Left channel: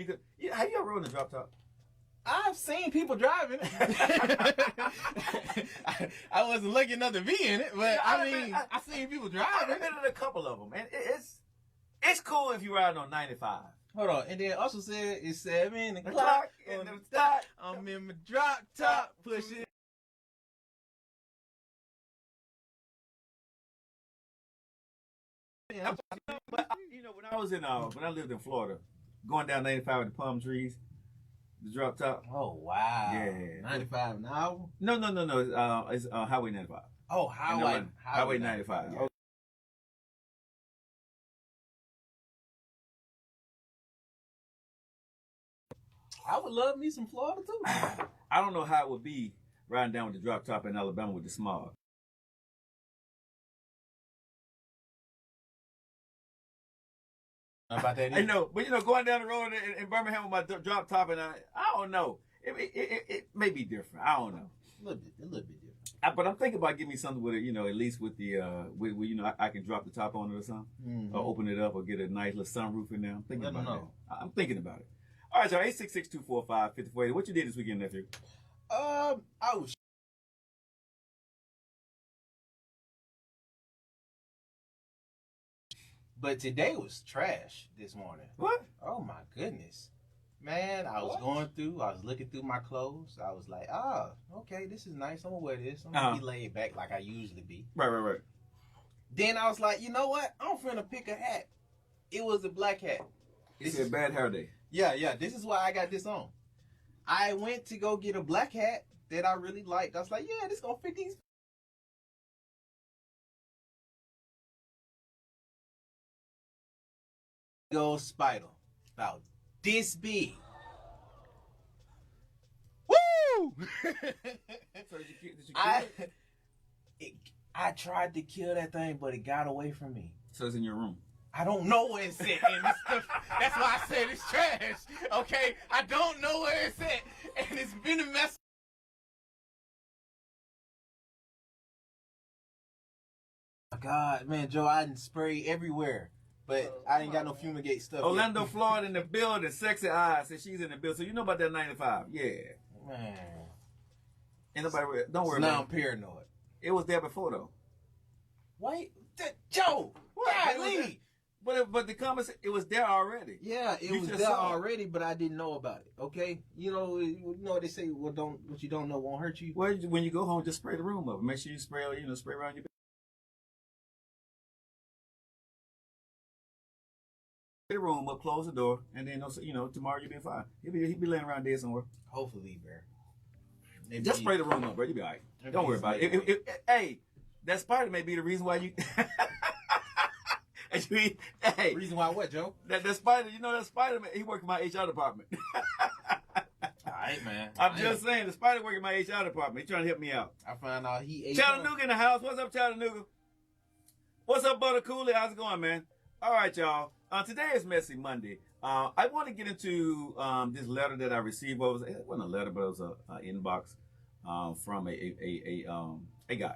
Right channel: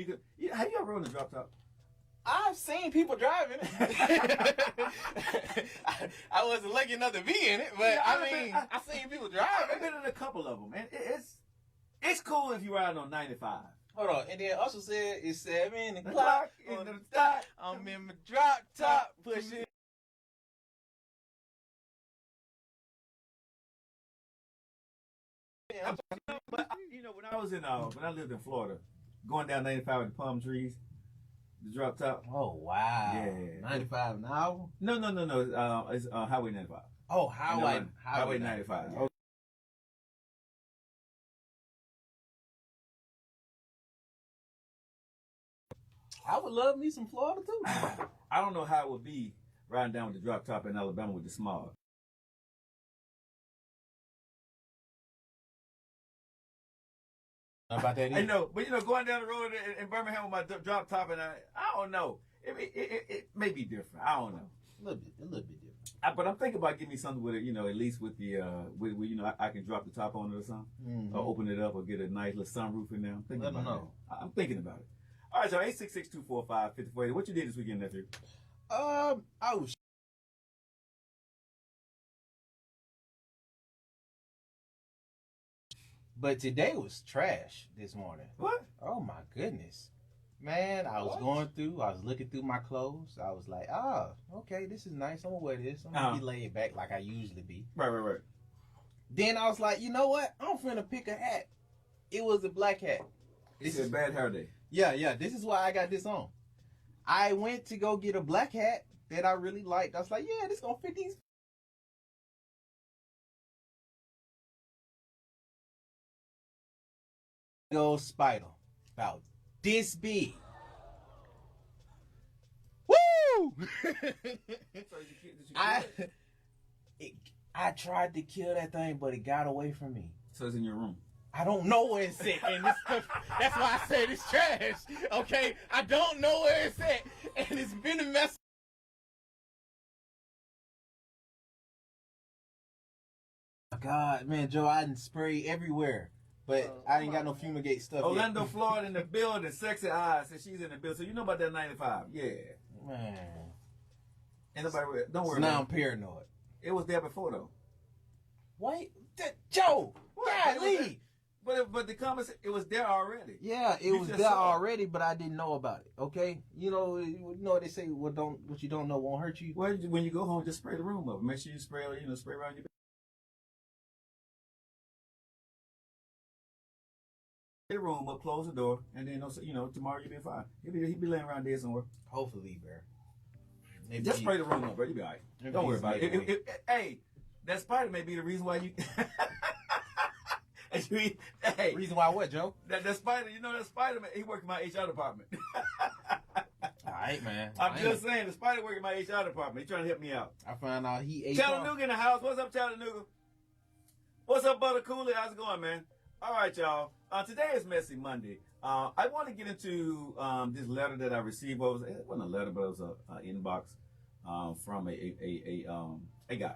You could. Yeah, have you ever rode a drop top? I've seen people driving it. I wasn't lucky enough to be in it, but Yeah, I've seen people driving I've it. been in a couple of them, and it's cool if you're riding on 95. Hold on, and then also said it's 7 The o'clock clock on in the the dot. I'm in my drop top, pushing. Yeah. I was in when I lived in Florida, going down 95 with the palm trees, the drop top. Oh wow! Yeah. 95 an hour. No. It's Highway 95. Oh, Highway 95. Yeah. I would love me some Florida too. I don't know how it would be riding down with the drop top in Alabama with the smog. About that. I know, but going down the road in Birmingham with my drop top, and I don't know. It may be different. I don't know. A little bit different. But I'm thinking about getting me something with it, at least with the, I can drop the top on it or something, or open it up, or get a nice little sunroof in there. I'm thinking about it. I'm thinking about it. All right, y'all. 866-245-5480. What you did this weekend, nephew? I was. But today was trash this morning. What? Oh my goodness. Man, I was looking through my clothes. I was like, okay, this is nice. I'm gonna wear this. I'm gonna be laid back like I usually be. Right. Then I was like, you know what? I'm finna pick a hat. It was a black hat. This is a bad hair day. Yeah. This is why I got this on. I went to go get a black hat that I really liked. I was like, yeah, this gonna fit these. Go spider. About this big. Woo! I tried to kill that thing, but it got away from me. So it's in your room. I don't know where it's at. And that's why I said it's trash. Okay? I don't know where it's at. And it's been a mess. Oh God, man, Joe, I didn't spray everywhere. But I ain't got no fumigate stuff. Orlando, Florida in the building. Sexy Eyes says she's in the building. So you know about that 95. Yeah. Man. Ain't nobody, don't worry about it. Now I'm paranoid. It was there before, though. Wait. Joe! Golly! But the comments, it was there already. Yeah, it was there already, but I didn't know about it. Okay, you know what they say. What you don't know won't hurt you. Well, when you go home, just spray the room up. Make sure you spray around your bed. The room up, close the door, and then tomorrow you'll be fine. He'll be laying around there somewhere. Hopefully, bro. Just spray the room up, bro. You'll be all right. Don't worry about it. Hey, that spider may be the reason why you. Hey, reason why what, Joe? That spider, that Spider Man, he worked in my HR department. All right, man. I'm just saying, the spider worked in my HR department. He's trying to help me out. I found out he ate. Chattanooga in the house. What's up, Chattanooga? What's up, Butter Cooley? How's it going, man? All right, y'all. Today is Messy Monday. I want to get into this letter that I received. It wasn't a letter, but it was an inbox from a guy.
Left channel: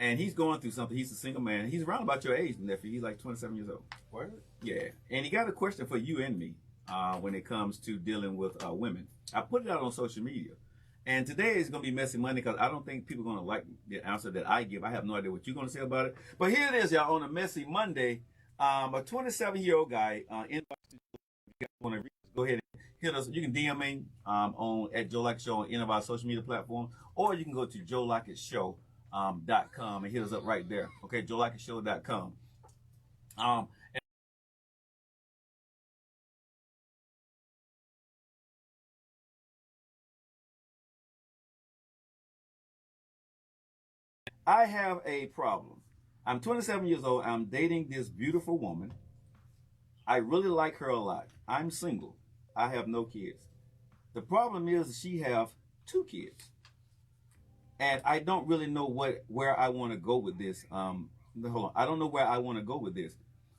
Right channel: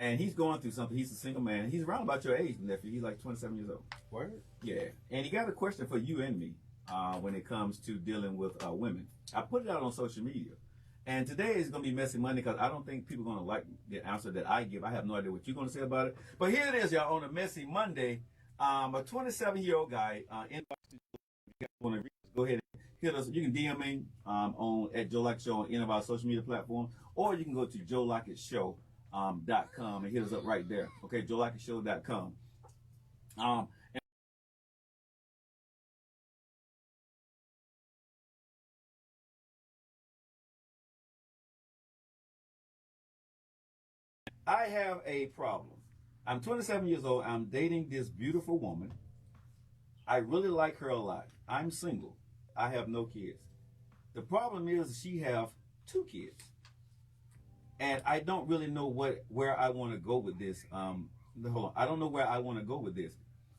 And he's going through something. He's a single man. He's around about your age, nephew. He's like 27 years old. Word? Yeah. And he got a question for you and me when it comes to dealing with women. I put it out on social media. And today is going to be Messy Monday because I don't think people are going to like the answer that I give. I have no idea what you're going to say about it. But here it is, y'all, on a Messy Monday. A 27-year-old guy. Go ahead and hit us. You can DM me on at Joe Lockett Show on any of our social media platforms, or you can go to joelockettShow.com and hit us up right there. Okay, joelockettShow.com. I have a problem. I'm 27 years old. I'm dating this beautiful woman. I really like her a lot. I'm single. I have no kids. The problem is she have 2 kids. And I don't really know where I want to go with this. Hold on. I don't know where I want to go with this.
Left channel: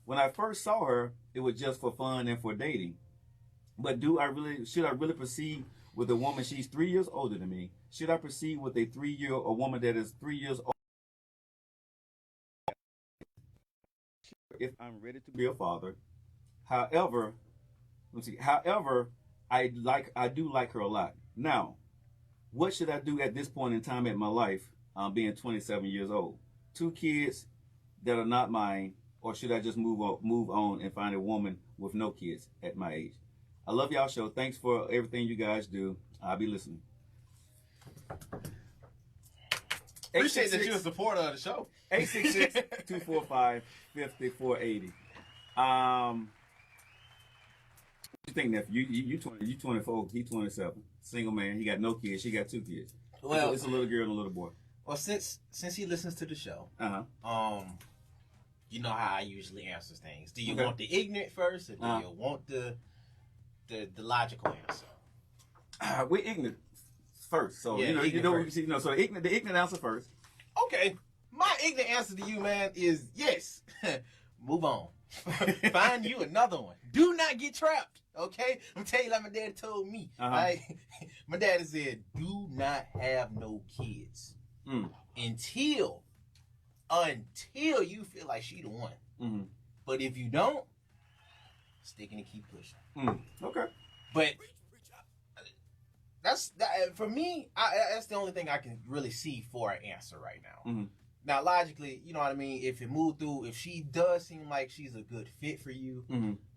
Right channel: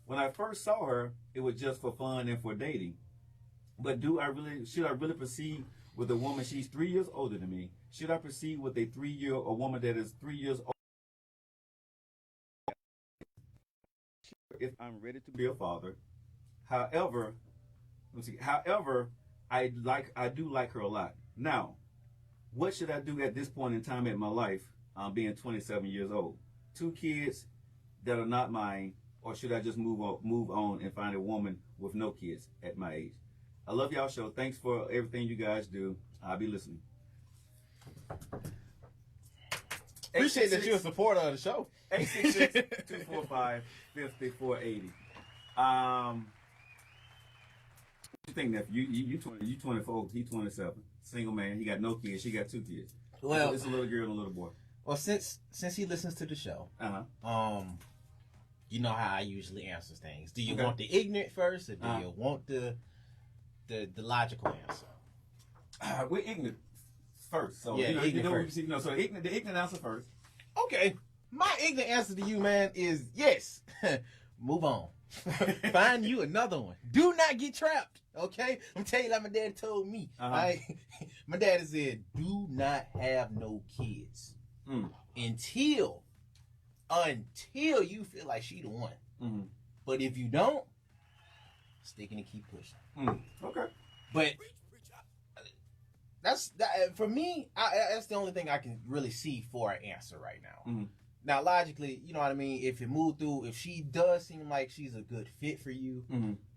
When I first saw her, it was just for fun and for dating. But should I really proceed with a woman? She's 3 years older than me. Should I proceed with a woman that is 3 years old? If I'm ready to be a father. However, Let's see. However, I do like her a lot. Now, what should I do at this point in time in my life, being 27 years old? Two kids that are not mine, or should I just move on and find a woman with no kids at my age? I love y'all show. Thanks for everything you guys do. I'll be listening. Appreciate that you're a supporter of the show. 866-245-5480. You think that you 24, he 27, single man, he got no kids, she got 2 kids. Well, it's a little girl and a little boy. Well, since he listens to the show, you know how I usually answer things. Do you want the ignorant first, or do you want the logical answer? We're ignorant first, so yeah, so the ignorant answer first. Okay, my ignorant answer to you, man, is yes. Move on. Find you another one. Do not get trapped. Okay, I'm telling you like my dad told me. Right? My dad said, "Do not have no kids until you feel like she the one. Mm-hmm. But if you don't, stick and keep pushing." Okay. But that for me. That's the only thing I can really see for an answer right now. Mm-hmm. Now, logically, you know what I mean? If it moved through, if she does seem like she's a good fit for you,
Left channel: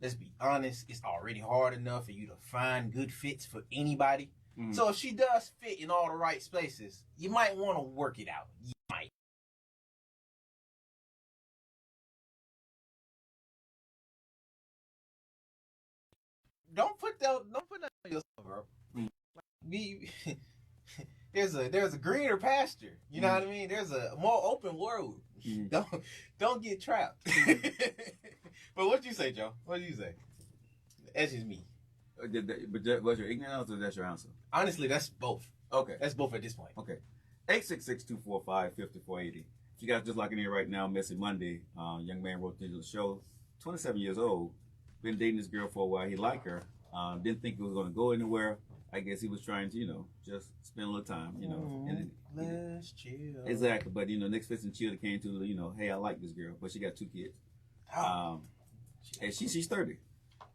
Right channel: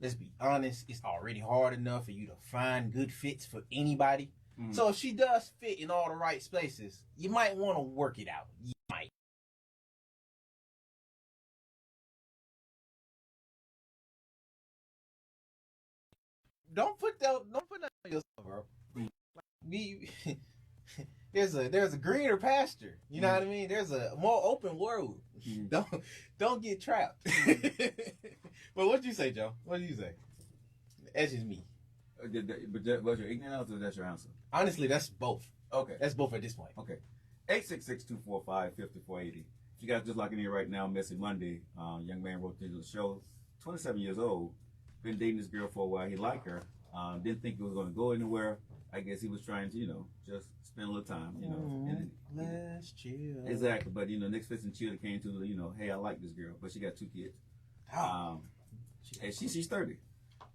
let's be honest, it's already hard enough for you to find good fits for anybody. So if she does fit in all the right spaces, you might want to work it out. You might. Don't put that, bro. There's a greener pasture. You know what I mean? There's a more open world. Don't get trapped. But what you say, Joe? What do you say? That's just me. But was your ignorant answer or that's your answer? Honestly, that's both. Okay. That's both at this point. Okay. 866-245-5480. If you guys just locking in right now, Messy Monday, young man wrote into the show, 27 years old, been dating this girl for a while. He liked her. Didn't think it was going to go anywhere. I guess he was trying to, just spend a little time, And let's chill. Exactly. But, Netflix and chill came to, hey, I like this girl. But she got 2 kids. And she's 30.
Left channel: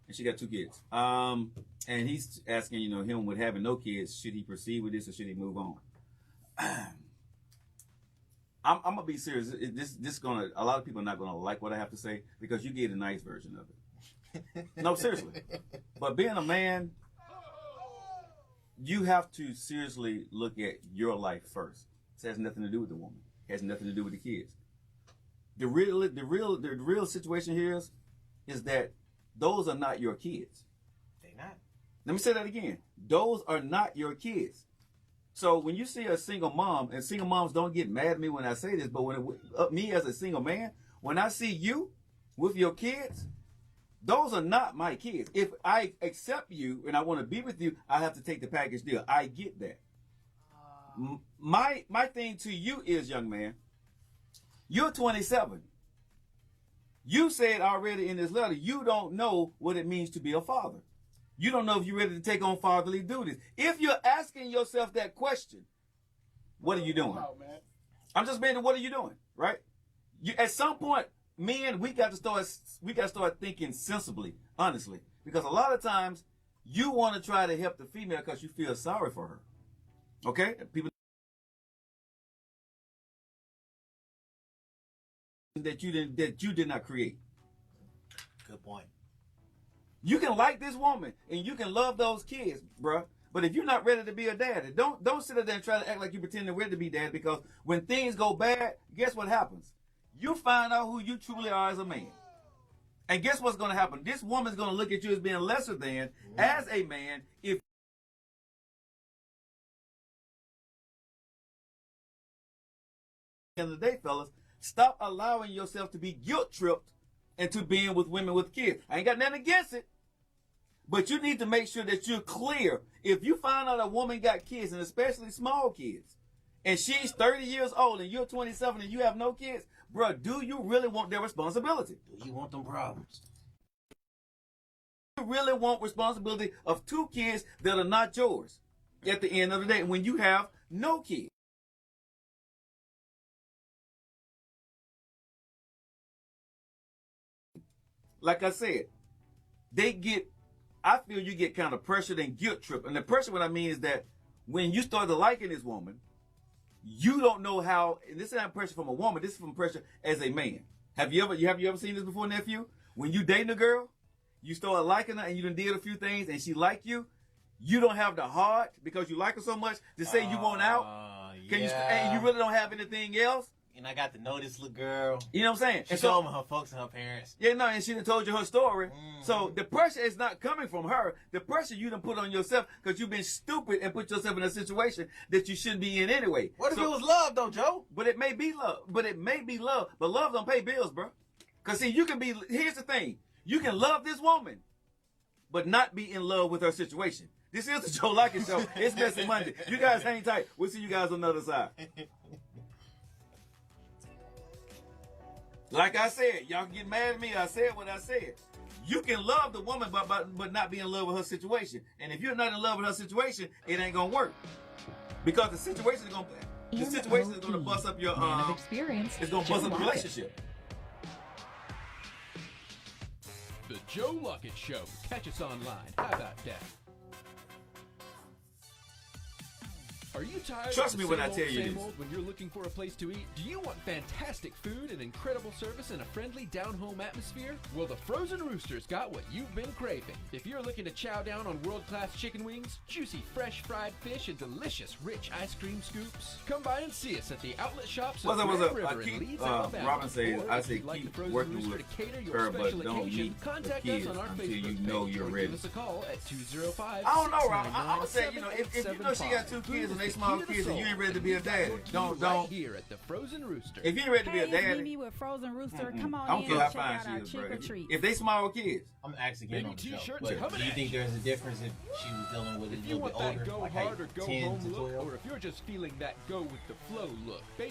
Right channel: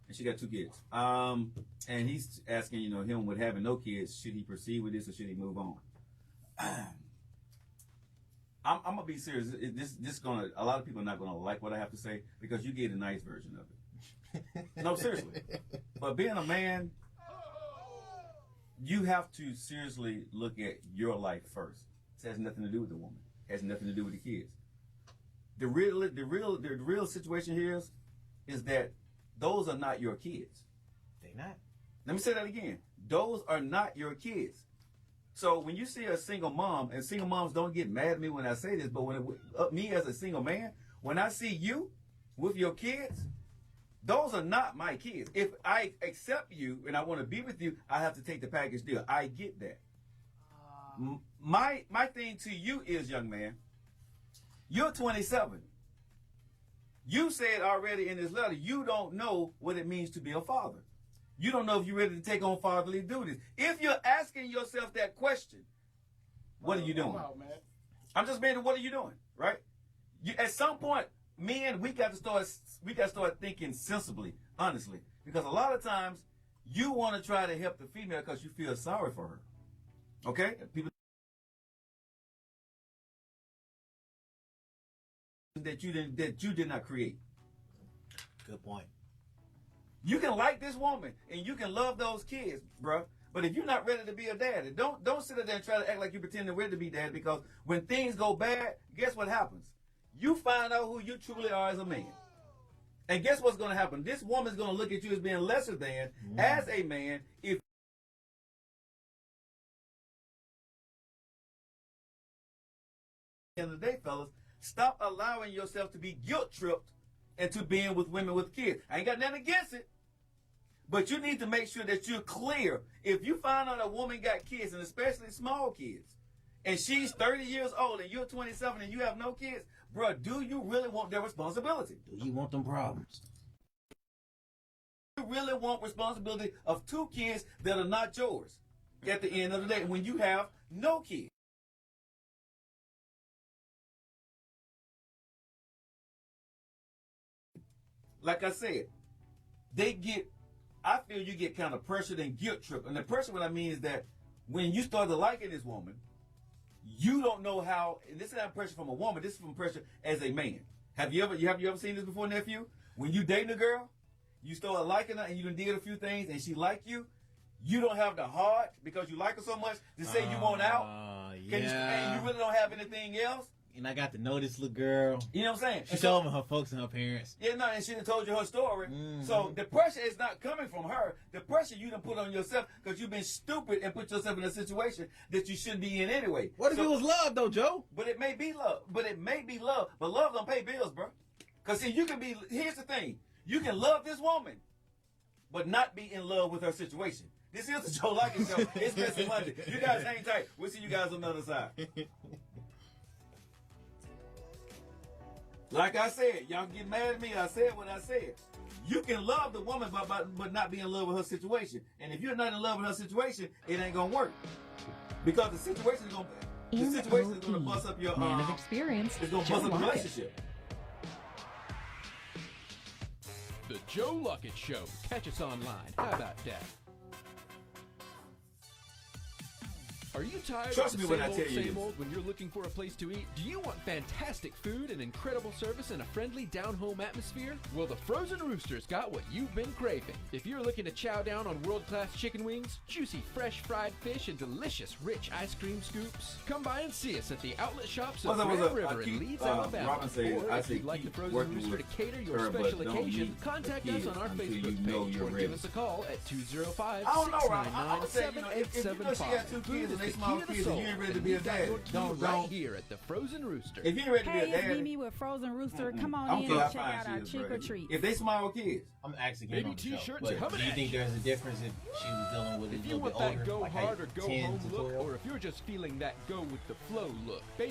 And she got 2 kids. And he's asking, him with having no kids, should he proceed with this or should he move on? I'm gonna be serious. A lot of people are not gonna like what I have to say because you get a nice version of it. No, seriously. But being a man, you have to seriously look at your life first. It has nothing to do with the woman. It has nothing to do with the kids. The real situation here is that those are not your kids. They're not. Let me say that again. Those are not your kids. So when you see a single mom, and single moms don't get mad at me when I say this, but me as a single man, when I see you with your kids, those are not my kids. If I accept you and I want to be with you, I have to take the package deal. I get that. My thing to you is, young man, you're 27. You said already in this letter, you don't know what it means to be a father. You don't know if you're ready to take on fatherly duties. If you're asking yourself that question, what are you doing? I'm just saying, what are you doing, right? At some point, men, we got to start thinking sensibly, honestly, because a lot of times you want to try to help the female because you feel sorry for her. Okay, people that you did not create. Good point. You can like this woman and you can love those kids, bruh. But if you're not ready to be a daddy, don't sit there and try to act like you're pretending ready to be dad, because when things go bad, guess what happens? You find out who you truly are as a man. And guess what's going to happen? This woman's going to look at you as being lesser than as a man. If the end of the day, fellas, stop allowing yourself to be guilt tripped into being with women with kids. I ain't got nothing against it. But you need to make sure that you're clear. If you find out a woman got kids, and especially small kids, and she's 30 years old and you're 27 and you have no kids, bro, do you really want their responsibility? Do you want them problems? You really want responsibility of 2 kids that are not yours at the end of the day when you have no kids? Like I said, they get I feel you get kind of pressured and guilt tripped. And the pressure, what I mean is that when you start to liking this woman, you don't know how. And this is not pressure from a woman. This is from pressure as a man. Have you ever seen this before, nephew? When you dating a girl, you start liking her and you done did a few things and she like you. You don't have the heart because you like her so much to say you want out. And you really don't have anything else. And I got to know this little girl. You know what I'm saying? She told me her folks and her parents. Yeah, no, and she done told you her story. So the pressure is not coming from her. The pressure you done put on yourself because you've been stupid and put yourself in a situation that you shouldn't be in anyway. What if it was love though, Joe? But it may be love. But love don't pay bills, bro. Because see, here's the thing. You can love this woman, but not be in love with her situation. This is the Joe Likens Show. It's Messy Monday. You guys hang tight. We'll see you guys on the other side. Like I said, y'all can get mad at me. I said what I said. You can love the woman, but not be in love with her situation. And if you're not in love with her situation, it ain't gonna work. Because the situation is gonna bust up your it's gonna bust up the relationship. The Joe Luckett Show. Catch us online. How about that? Are you tired? Trust me when I tell you this. You're looking for a place to eat. You want fantastic food and incredible service in a friendly, down-home atmosphere? Well, the Frozen Rooster's got what you've been craving. If you're looking to chow down on world-class chicken wings, juicy fresh fried fish, and delicious rich ice cream scoops, come by and see us at the outlet shops. What's up? Keep Robin says, I say keep working with her, but don't meet the kids until you know you're ready. I don't know, Robin. I'm gonna say, if you know she got 2 kids and they small kids and you ain't ready to be a daddy, don't. If you ain't ready to be a daddy, I don't care how fine she is, bro. If they small kids, I'm gonna ask again on the show. But do you think there's a difference if she was dealing with a little bit older, like 10 to 12?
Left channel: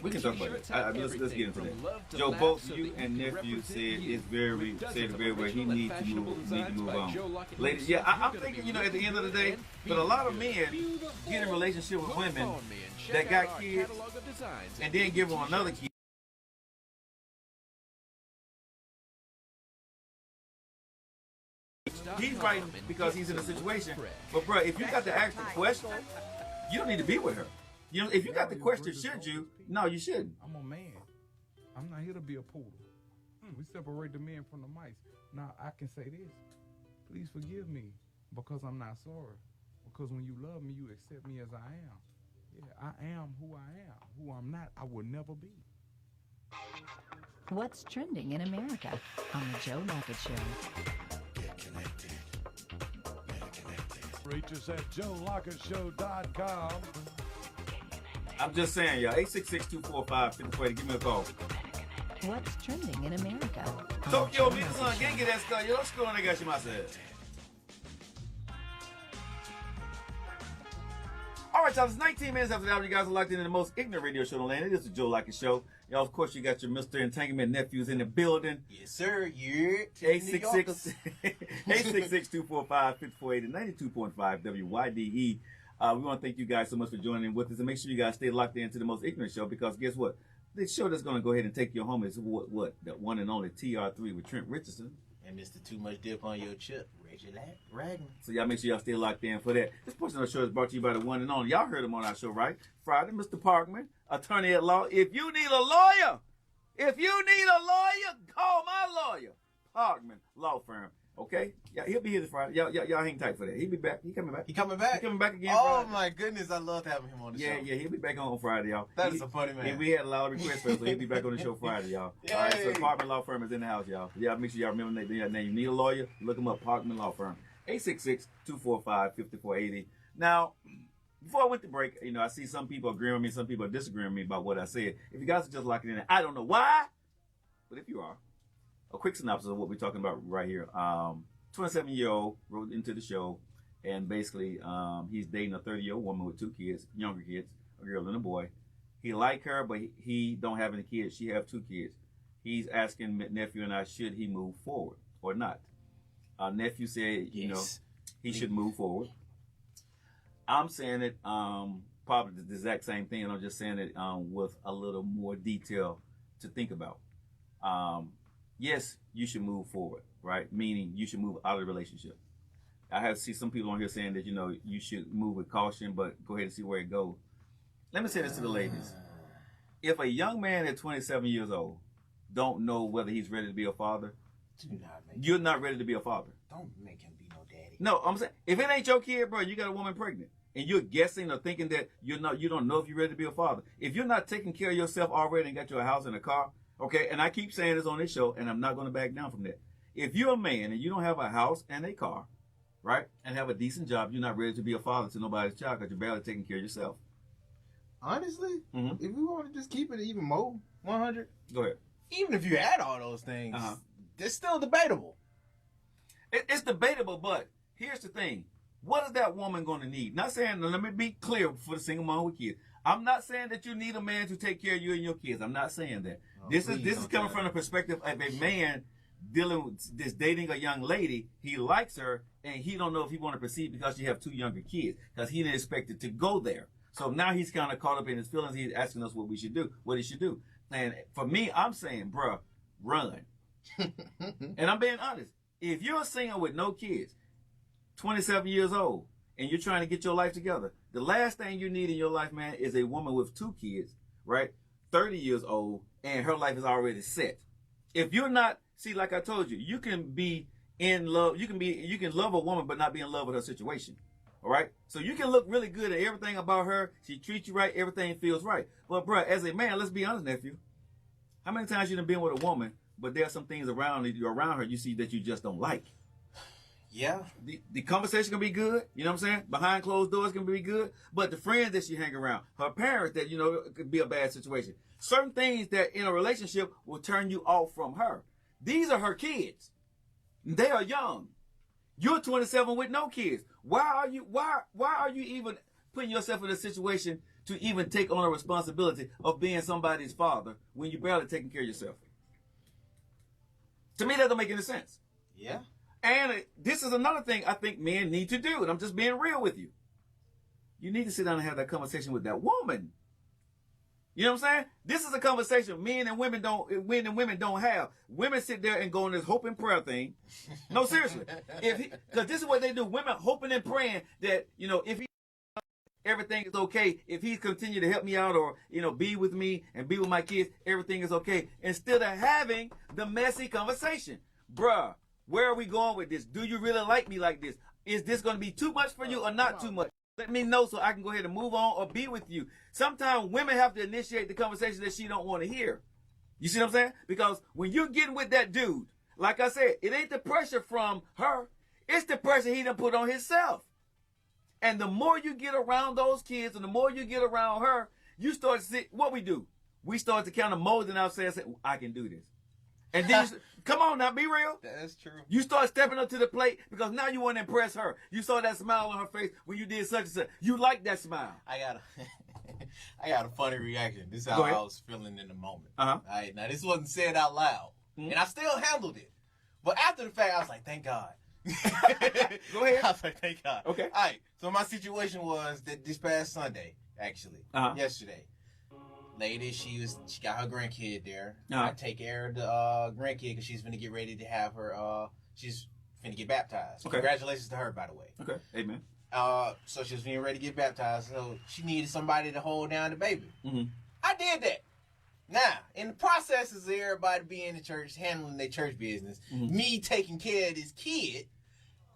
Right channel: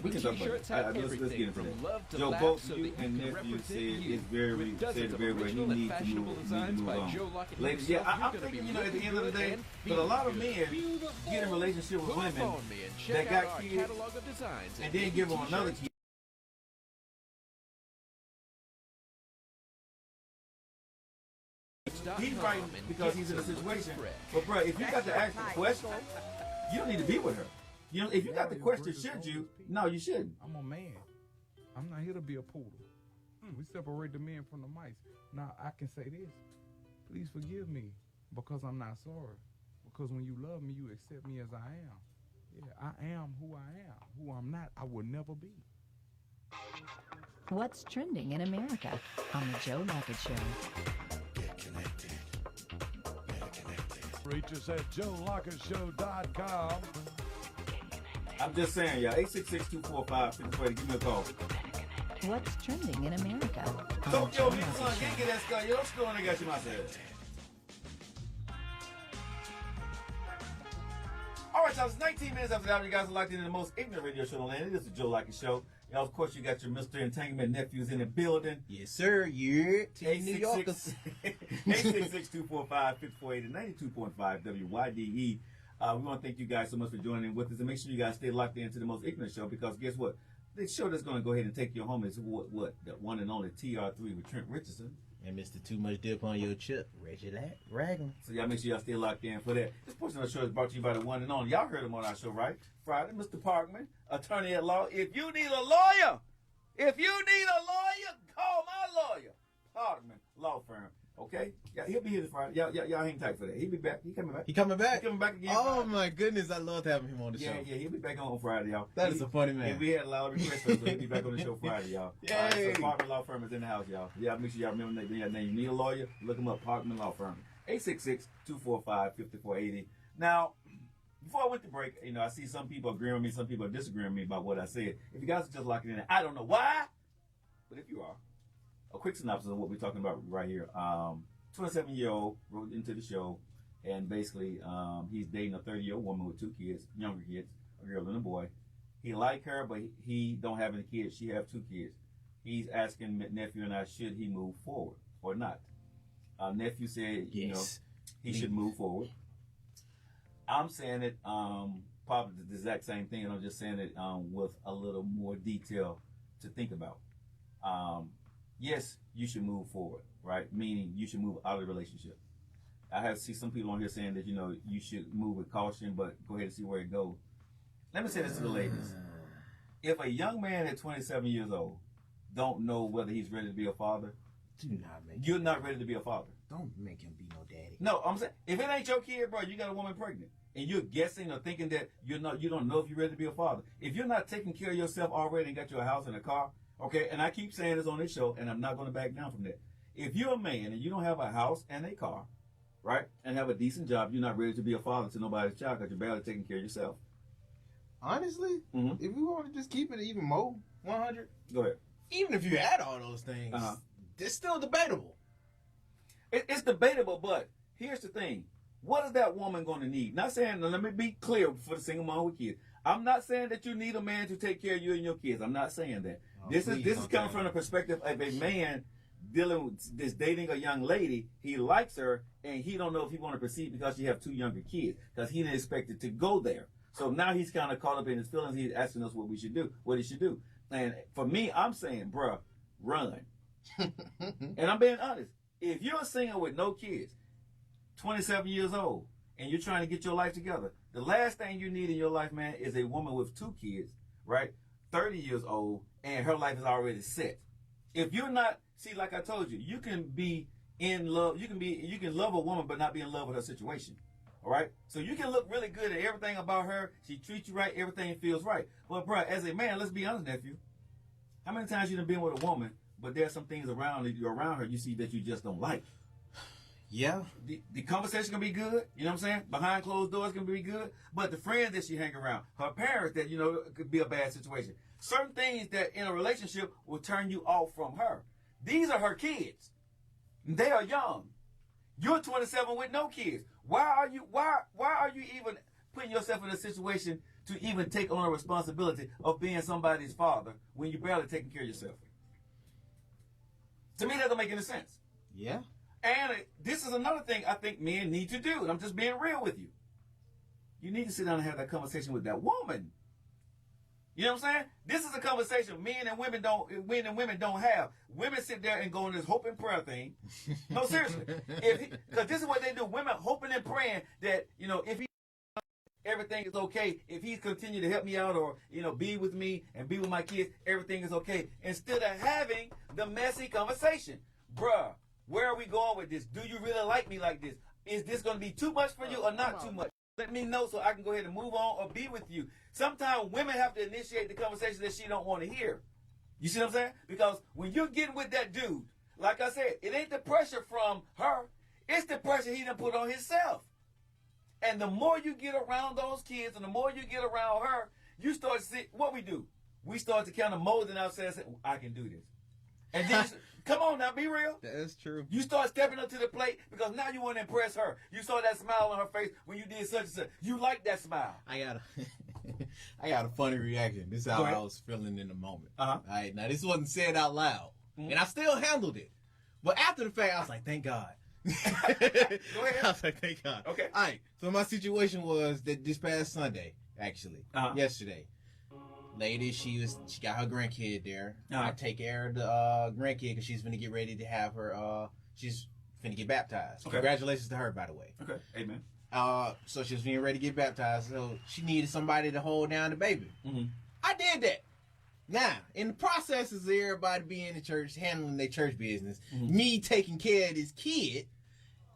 we can talk about that. Let's get into that. Joe, both you and nephew said it very well. He need to move on. Lady, yeah, I'm thinking, at the end of the day, but a lot of men get in relationship with women that got kids and then give them another kid. He's writing because he's in a situation. But, bro, if you got to ask the question, you don't need to be with her. If you got the question, should you? No, you shouldn't. What's trending in America on the Joe Likens Show? I'm just saying, y'all. 866-245-5040. Give me a call. Tokyo, meet us on Genki desu ka? Yoroshiku onegai shimasu. All right, y'all. It's 19 minutes after the hour. You guys are locked in the most ignorant radio show in the land. It is the Joe Likens Show. Y'all, of course, you got your Mr. Entanglement nephews in the building. Yes, sir. Yeah. 866-245-5480, 92.5 WYDE. We want to thank you guys so much for joining with us, and make sure you guys stay locked into the most ignorant show, because guess what? The show that's going to go ahead and take you home is what? The one and only TR3 with Trent Richardson. And Mr. Too Much Dip on your chip. Reggie Rag. So y'all make sure y'all stay locked in for that. This portion of the show is brought to you by the one and only. Y'all heard him on our show, right? Friday, Mr. Parkman, attorney at law. If you need a lawyer, call my lawyer. Parkman Law Firm. Okay? Yeah, he'll be here this Friday. Y'all hang tight for that. He'll be back. He coming back. He coming back? He coming back again. Oh, Friday. my goodness. I loved having him on the show. Yeah, he'll be back on Friday, y'all. That is a funny man. And we had a lot of requests for him, so he'll be back on the show Friday, y'all. Yay. All right, so Parkman Law Firm is in the house, y'all. Yeah, make sure y'all remember that name. You need a lawyer? Look him up, Parkman Law Firm. 866-245-5480. Now, before I went to break, I see some people agreeing with me, some people are disagreeing with me about what I said. If you guys are just locking in, I don't know why, but if you are, a quick synopsis of what we're talking about right here. 27-year-old wrote into the show, and basically he's dating a 30-year-old woman with 2 kids, younger kids, a girl and a boy. He like her, but he don't have any kids. She have 2 kids. He's asking nephew and I, should he move forward or not? Nephew said, Yes. he should move forward. I'm saying it probably the exact same thing, and I'm just saying it with a little more detail to think about. Yes, you should move forward, right? Meaning you should move out of the relationship. I have see some people on here saying that, you know, you should move with caution, but go ahead and see where it goes. Let me say this to the ladies. If a young man at 27 years old don't know whether he's ready to be a father, you're not ready to be a father. Don't make him be no daddy. No, I'm saying, if it ain't your kid, bro, you got a woman pregnant, and you're guessing or thinking that you don't know if you're ready to be a father. If you're not taking care of yourself already and got you a house and a car, okay, and I keep saying this on this show, and I'm not going to back down from that. If you're a man and you don't have a house and a car, right, and have a decent job, you're not ready to be a father to nobody's child because you're barely taking care of yourself. Honestly, if we want to just keep it even more 100, go ahead. Even if you add all those things, it's still debatable. It's debatable, but here's the thing. What is that woman going to need? Not saying, let me be clear for the single mom with kids. I'm not saying that you need a man to take care of you and your kids. I'm not saying that. This is coming from the perspective of a man dealing with this, dating a young lady. He likes her, and he don't know if he want to proceed because she have 2 younger kids, because he didn't expect it to go there. So now he's kind of caught up in his feelings. He's asking us what he should do. And for me, I'm saying, bruh, run. And I'm being honest. If you're single with no kids, 27 years old, and you're trying to get your life together, the last thing you need in your life, man, is a woman with 2 kids, right? 30 years old, and her life is already set. If you're not, see, like I told you, you can be in love. You can love a woman, but not be in love with her situation. All right? So you can look really good at everything about her. She treats you right. Everything feels right. But, bro, as a man, let's be honest, nephew. How many times you done been with a woman, but there's some things around her you see that you just don't like? Yeah. The conversation can be good. You know what I'm saying? Behind closed doors can be good. But the friends that she hang around, her parents that, you know, it could be a bad situation. Certain things that in a relationship will turn you off from her. These are her kids. They are young. You're 27 with no kids. Why are you even putting yourself in a situation to even take on a responsibility of being somebody's father when you're barely taking care of yourself? To me, that don't make any sense. Yeah. And this is another thing I think men need to do, and I'm just being real with you. You need to sit down and have that conversation with that woman. You know what I'm saying? This is a conversation men and women don't have. Women sit there and go on this hope and prayer thing. No, seriously. Because this is what they do. Women hoping and praying that, you know, if everything's okay, if he continue to help me out or, you know, be with me and be with my kids, everything is okay. Instead of having the messy conversation. Bruh, where are we going with this? Do you really like me like this? Is this going to be too much for you or not too much? Let me know so I can go ahead and move on or be with you. Sometimes women have to initiate the conversation that she don't want to hear. You see what I'm saying? Because when you're getting with that dude, like I said, it ain't the pressure from her. It's the pressure he done put on himself. And the more you get around those kids and the more you get around her, you start to see what we do. We start to kind of mold in ourselves and say, I can do this. And then come on now, be real. That's true. You start stepping up to the plate because now you want to impress her. You saw that smile on her face when you did such and such. You like that smile. I got a funny reaction. This is how I was feeling in the moment. All right, now this wasn't said out loud, and I still handled it. But after the fact, I was like, thank God. Go ahead. I was like, thank God. Okay. All right. So my situation was that this past Sunday, actually, yesterday. Lady, she got her grandkid there. I take care of the grandkid because she's gonna get ready to have her. She's gonna get baptized. Okay. Congratulations to her, by the way. Okay, amen. So she was getting ready to get baptized. So she needed somebody to hold down the baby. I did that. Now, in the processes of everybody being in the church, handling their church business, me taking care of this kid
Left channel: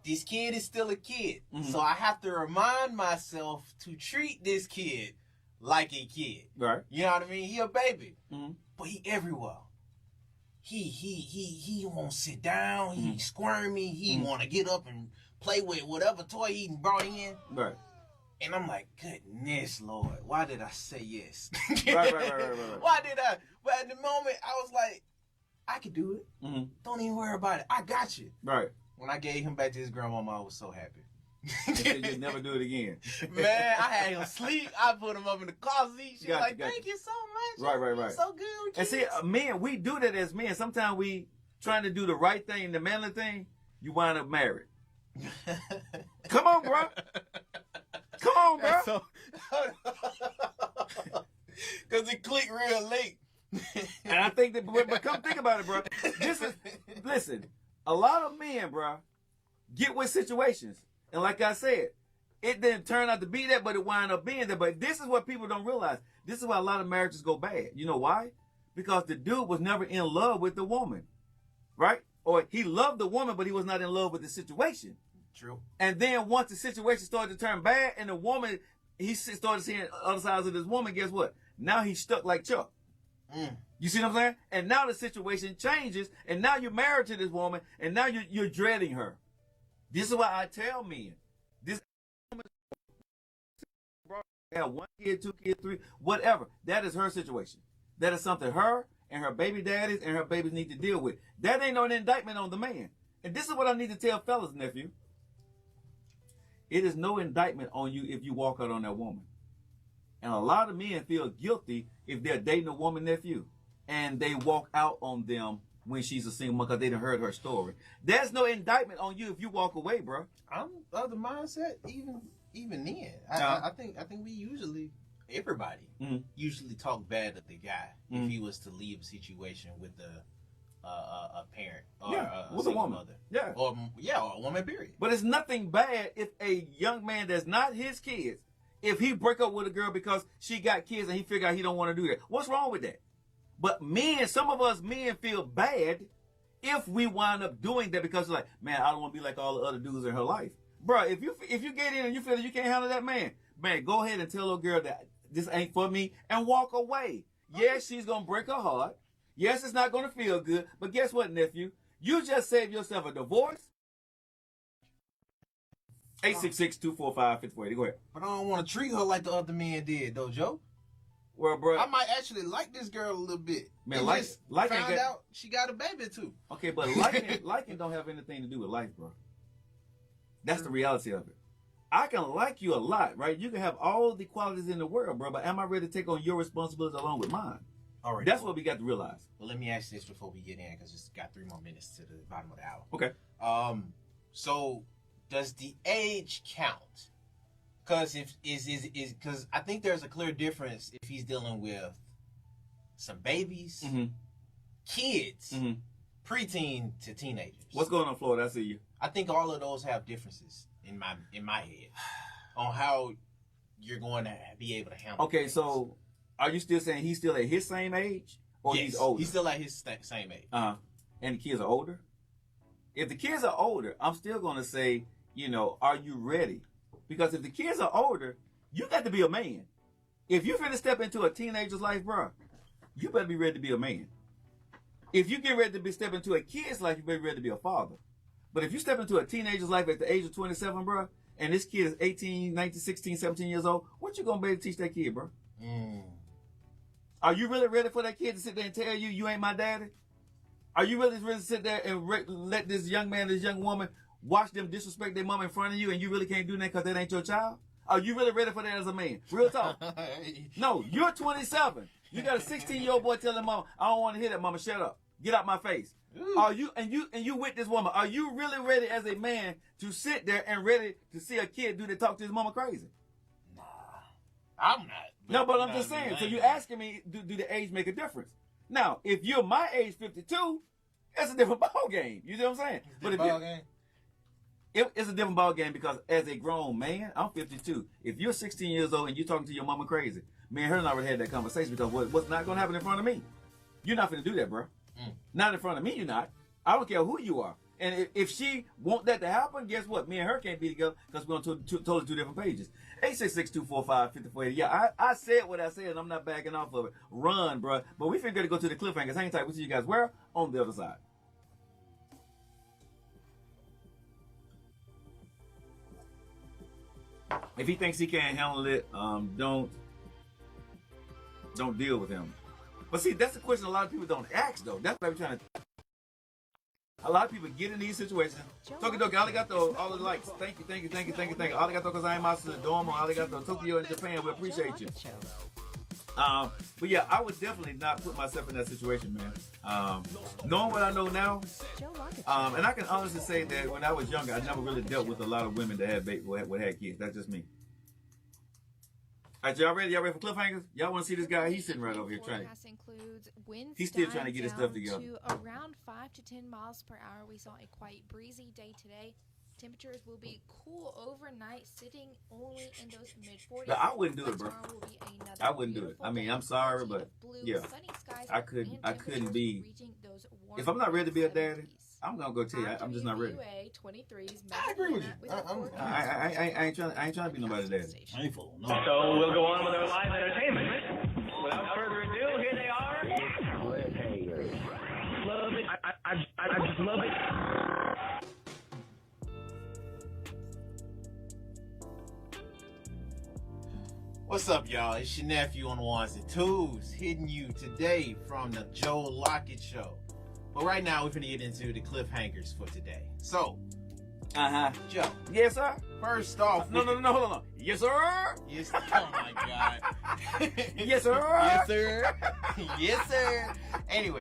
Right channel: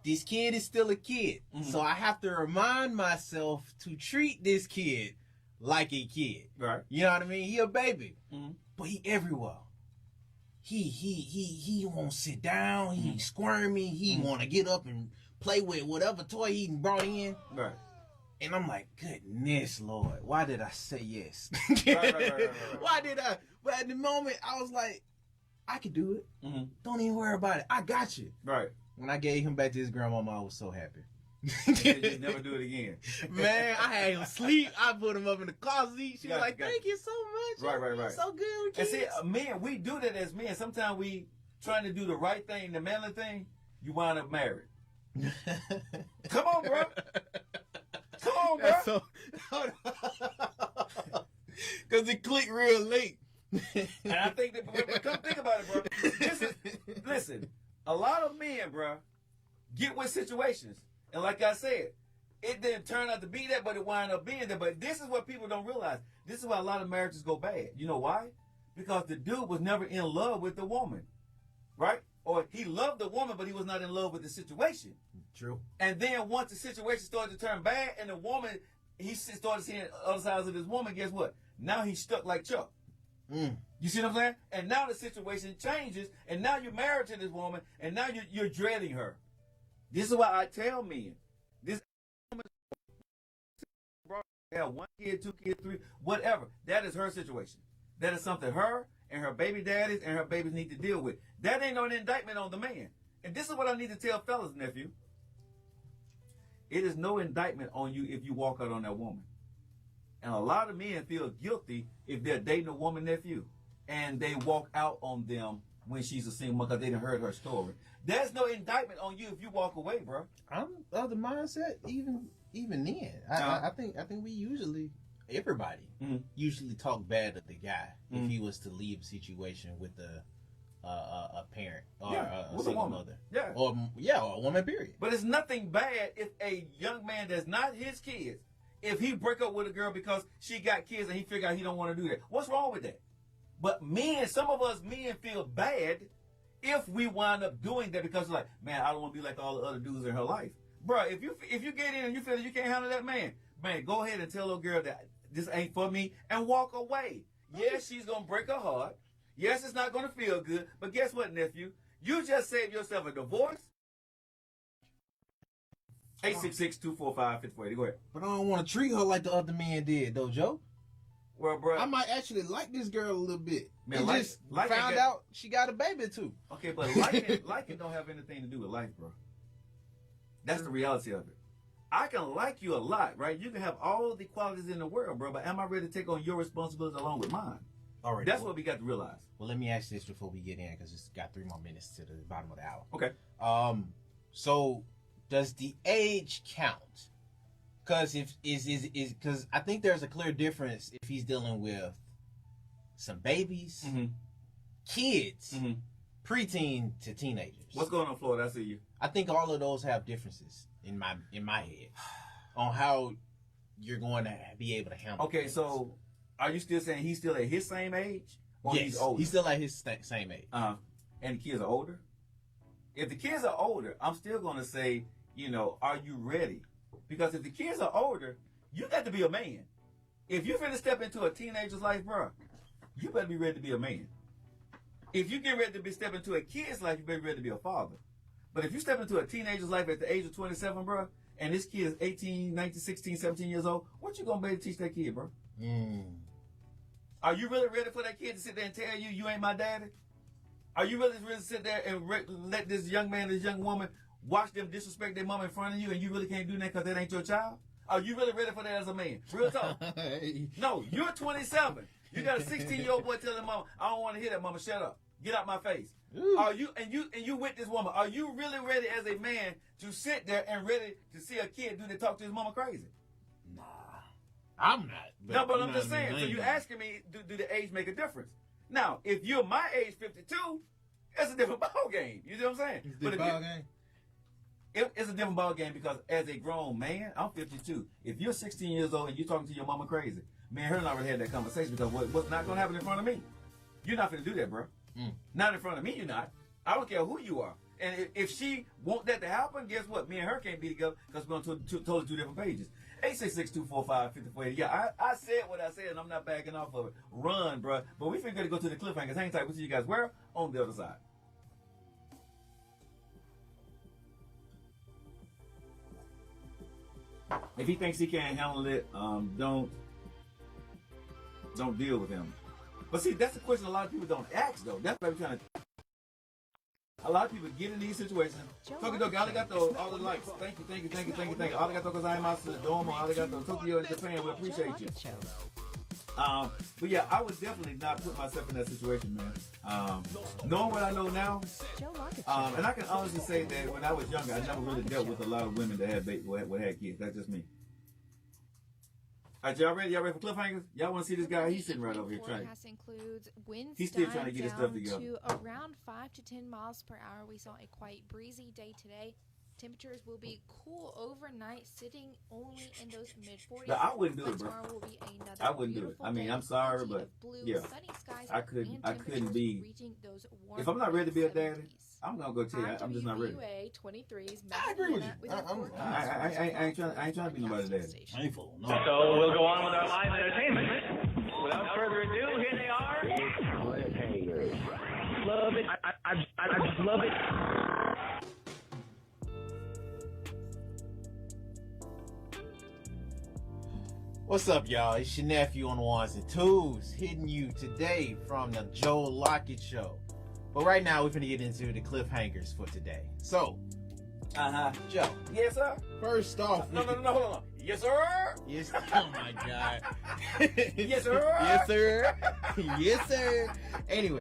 is still a kid. So I have to remind myself to treat this kid like a kid. Right. You know what I mean? He a baby. But he everywhere. He won't sit down. He squirmy. He want to get up and play with whatever toy he brought in. Right. And I'm like, goodness, Lord, why did I say yes? Right. Why did I? But at the moment, I was like, I could do it. Don't even worry about it. I got you. Right. When I gave him back to his grandmama, I was so happy. You never do it again. Man, I had him sleep. I put him up in the closet. She was like, thank you so much. Right. So good with and see, men, we do that as men. Sometimes we trying to do the right thing, the manly thing, you wind up married. Come on, bro. Come on, bro. Because it clicked real late. And I think that, but come think about it, bro. Listen, a lot of men, bro, get with situations. And like I said, it didn't turn out to be that, but it wound up being that. But this is what people don't realize. This is why a lot of marriages go bad. You know why? Because the dude was never in love with the woman, right? Or he loved the woman, but he was not in love with the situation. True. And then once the situation started to turn bad and the woman, he started seeing other sides of this woman, guess what? Now he's stuck like Chuck. You see what I'm saying? And now the situation changes, and now you're married to this woman, and now you're dreading her. This is why I tell men, this have 1 kid, 2 kids, 3, whatever. That is her situation. That is something her and her baby daddies and her babies need to deal with. That ain't no indictment on the man. And this is what I need to tell fellas, nephew. It is no indictment on you if you walk out on that woman. And a lot of men feel guilty if they're dating a woman, nephew, and they walk out on them when she's a single mom because they done heard her story. There's no indictment on you if you walk away, bro. I'm of the mindset, even then. I think we usually, everybody usually talk bad of the guy if he was to leave a situation with a parent or a with single a woman. mother. Yeah. Or a woman, period. But it's nothing bad if a young man that's not his kids, if he break up with a girl because she got kids and he figure out he don't want to do that. What's wrong with that? But men, some of us men feel bad if we wind up doing that because like, man, I don't want to be like all the other dudes in her life. Bro, if you get in and you feel that you can't handle that man, go ahead and tell little girl that this ain't for me and walk away. Yes, she's going to break her heart. Yes, it's not going to feel good. But guess what, nephew? You just saved yourself a divorce. 866-245-5480. Go ahead. But I don't want to treat her like the other men did, though, Joe. Well, bro. I might actually like this girl a little bit. Man, found out she got a baby, too. Okay, but liking don't have anything to do with life, bro. That's the reality of it. I can like you a lot, right? You can have all the qualities in the world, bro, but am I ready to take on your responsibilities along with mine? All right. That's what we got to realize. Well, let me ask this before we get in, because it's got 3 more minutes to the bottom of the hour. Okay. So does the age count? Because because I think there's a clear difference if he's dealing with some babies, kids, preteen to teenagers. What's going on, Florida? I see you. I think all of those have differences in my head on how you're going to be able to handle. Okay, things. so are you still saying he's still at his same age, or yes, he's older? He's still at his same age. And the kids are older. If the kids are older, I'm still going to say, are you ready? Because if the kids are older, you got to be a man. If you're finna step into a teenager's life, bro, you better be ready to be a man. If you get ready to step into a kid's life, you better be ready to be a father. But if you step into a teenager's life at the age of 27, bro, and this kid is 18, 19, 16, 17 years old, what you gonna be able to teach that kid, bro? Are you really ready for that kid to sit there and tell you, you ain't my daddy? Are you really ready to sit there and let this young man, this young woman, watch them disrespect their mama in front of you and you really can't do that because that ain't your child? Are you really ready for that as a man? Real talk. No, you're 27. You got a 16-year-old boy telling mama, I don't want to hear that, mama, shut up. Get out my face. Are you and you with this woman? Are you really ready as a man to sit there and ready to see a kid talk to his mama crazy? Nah, I'm not. No, but I'm just saying. So you asking me, do the age make a difference? Now, if you're my age, 52, that's a different ball game. You know what I'm saying? But it's a different ball game because as a grown man, I'm 52. If you're 16 years old and you're talking to your mama crazy, me and her already had that conversation because what's not going to happen in front of me? You're not going to do that, bro. Not in front of me, you're not. I don't care who you are. And if she want that to happen, guess what? Me and her can't be together because we're on totally 2 different pages. 866-245-5480. Yeah, I said what I said, and I'm not backing off of it. Run, bro. But we figured to go to the cliffhangers. Hang tight. We'll see you guys where? On the other side. If he thinks he can't handle it, don't deal with him. But see, that's the question a lot of people don't ask, though. That's what I'm trying to. A lot of people get in these situations. Tokidoki, arigato, all the likes. Thank you. Arigato gozaimasu, domo, arigato, Tokyo in Japan. We appreciate you. But yeah, I would definitely not put myself in that situation, man. Knowing what I know now, and I can honestly say that when I was younger, I never really dealt with a lot of women that had kids. That's just me. All right, y'all ready? Y'all ready for cliffhangers? Y'all want to see this guy? He's sitting right over here he's still trying to get his stuff together. But I wouldn't do it, bro. I wouldn't do it. I mean, I'm sorry, but yeah, I couldn't be. If I'm not ready to be a daddy, I'm gonna go tell you, I'm just not ready. I agree with you. I ain't trying to be nobody's daddy. I ain't fooling. No. So we'll go on with our live entertainment. Without further ado, here they are. Love it. I love it. What's up, y'all? It's your nephew on the ones and twos, hitting you today from the Joe Lockett Show. But right now, we're going to get into the cliffhangers for today. So, Joe. Yes, sir. First off, No, hold on. Yes, sir. Yes, oh my God. Yes, sir. Yes, sir. Yes, sir. Anyway.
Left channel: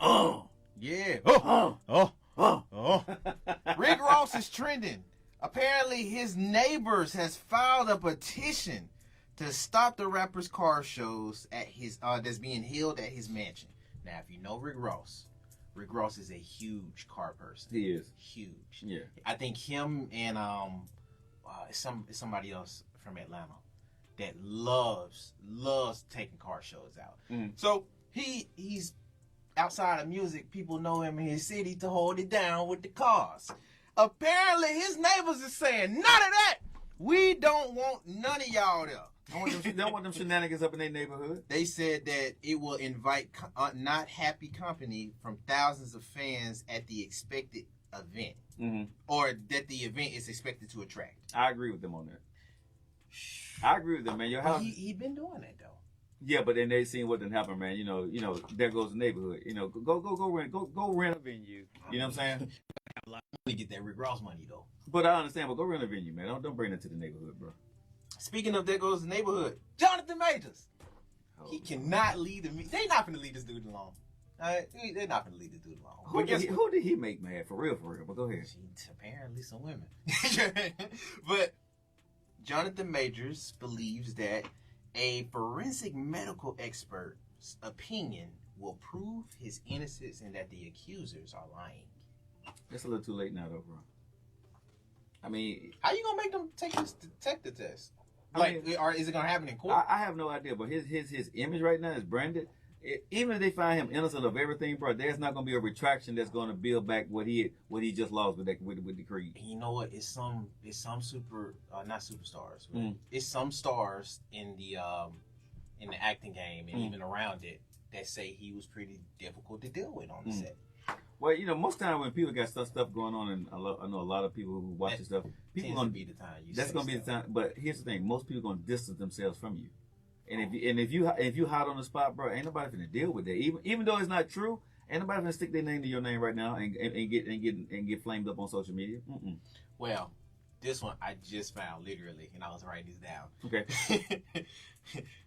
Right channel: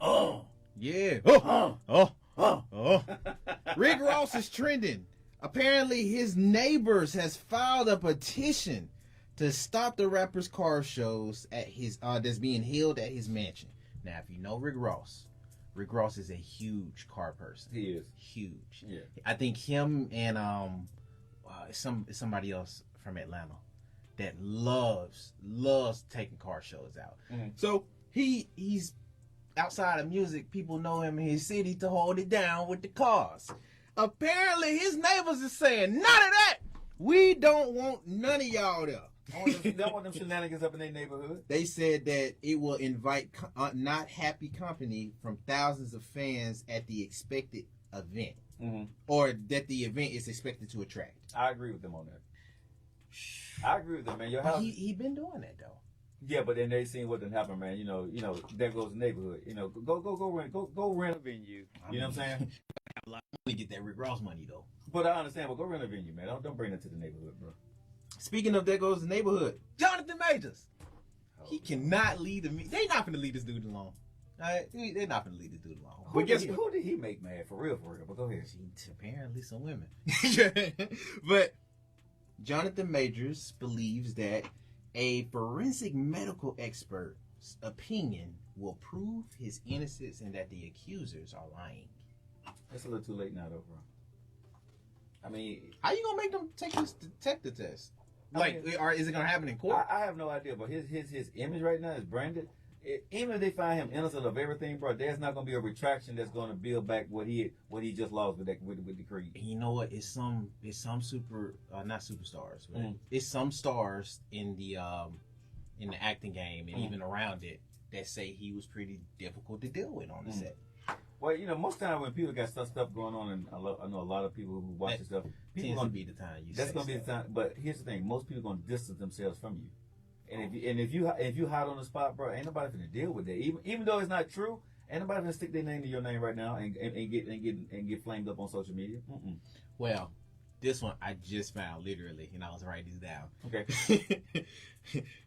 Oh. Yeah. Oh. Rick Ross is trending. Apparently, his neighbors has filed a petition to stop the rapper's car shows at his that's being held at his mansion. Now, if you know Rick Ross is a huge car person. He is Huge. Yeah. I think him and somebody else from Atlanta that loves taking car shows out. Mm. So he's outside of music, people know him in his city to hold it down with the cars. Apparently, his neighbors are saying, none of that. We don't want none of y'all there. Don't want them shenanigans up in their neighborhood. They said that it will invite not happy company from thousands of fans at the expected event, or that the event is expected to attract. I agree with them on that. I agree with them, man. Your house. He been doing that though. Yeah, but then they seen what done happen, man. You know, there goes the neighborhood. You know, go rent. You know what I'm saying? We get that Rick Ross money though. But I understand. But go rent a venue, man. Don't bring it to the neighborhood, bro. Speaking of there goes the neighborhood, Jonathan Majors. He cannot lead the. They not gonna leave this dude alone. They're not gonna leave this dude alone. Who did he make mad for real? But go ahead. Apparently, some women. But Jonathan Majors believes that a forensic medical expert's opinion will prove his innocence and that the accusers are lying. It's a little too late now, though, bro. I mean, how you gonna make them take this detective test? Or is it gonna happen in court? I have no idea, but his image right now is branded. Even if they find him innocent of everything, bro, there's not gonna be a retraction that's gonna build back what he just lost with the Creed. And you know what? It's some super not superstars, but it's some stars in the acting game and even around it that say he was pretty difficult to deal with on the set. Well, you know, most time when people got stuff going on, and I know a lot of people who watch this stuff, people gonna be the time. That's gonna be the time. But here's the thing: most people gonna distance themselves from you. And if you hot on the spot, bro, ain't nobody finna deal with that. Even though it's not true, ain't nobody finna stick their name to your name right now and get flamed up on social media. Well, this one I just found literally, and I was writing this down. Okay.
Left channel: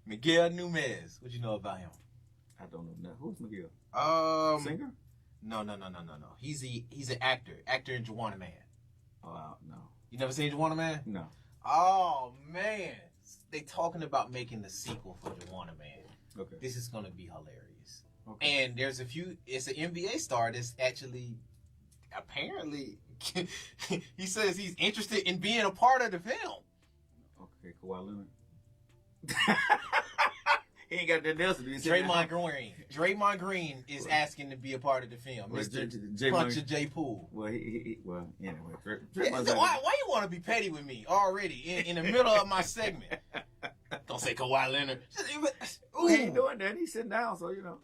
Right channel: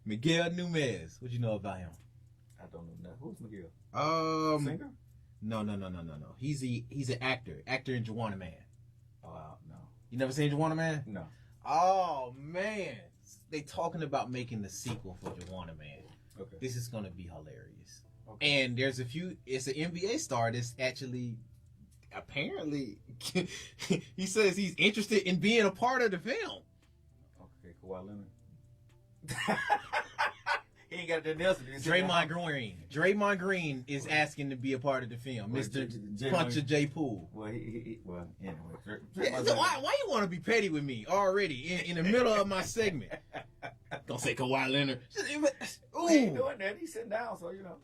Miguel Núñez. What you know about him? I don't know. Who's Miguel? Singer? No. He's an actor in Juwanna Mann. Oh, no. You never seen Juwanna Mann? No. Oh man, they talking about making the sequel for Juwanna Mann. Okay. This is gonna be hilarious. Okay. And it's an NBA star that's actually, apparently, he says he's interested in being a part of the film. Okay, Kawhi Leonard. He ain't got nothing else to do. Draymond Green is asking to be a part of the film. Mr. Puncher J. Poole. Well, anyway. Why you want to be petty with me already in the middle of my segment? Don't say Kawhi Leonard. Ooh. He ain't doing that. He's sitting down, so you know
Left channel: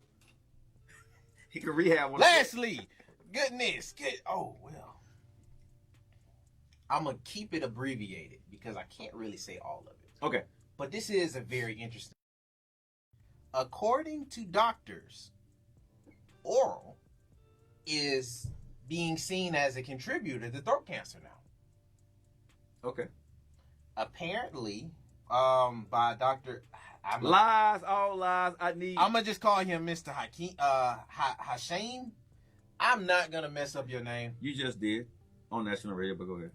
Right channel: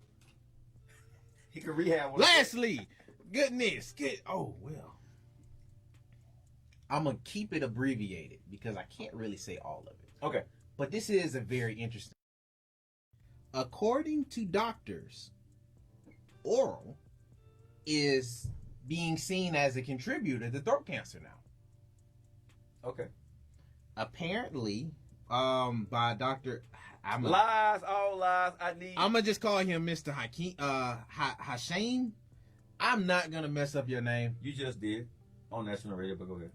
he can rehab one. Lastly, oh well, I'm gonna keep it abbreviated because I can't really say all of it. Okay, but this is a very interesting. According to doctors, oral is being seen as a contributor to throat cancer now. Okay. Apparently, by Dr. Lies, all lies. I'm gonna just call him Mr. Hakeem Hashim. I'm not gonna mess up your name. You just did. on national radio, but go ahead.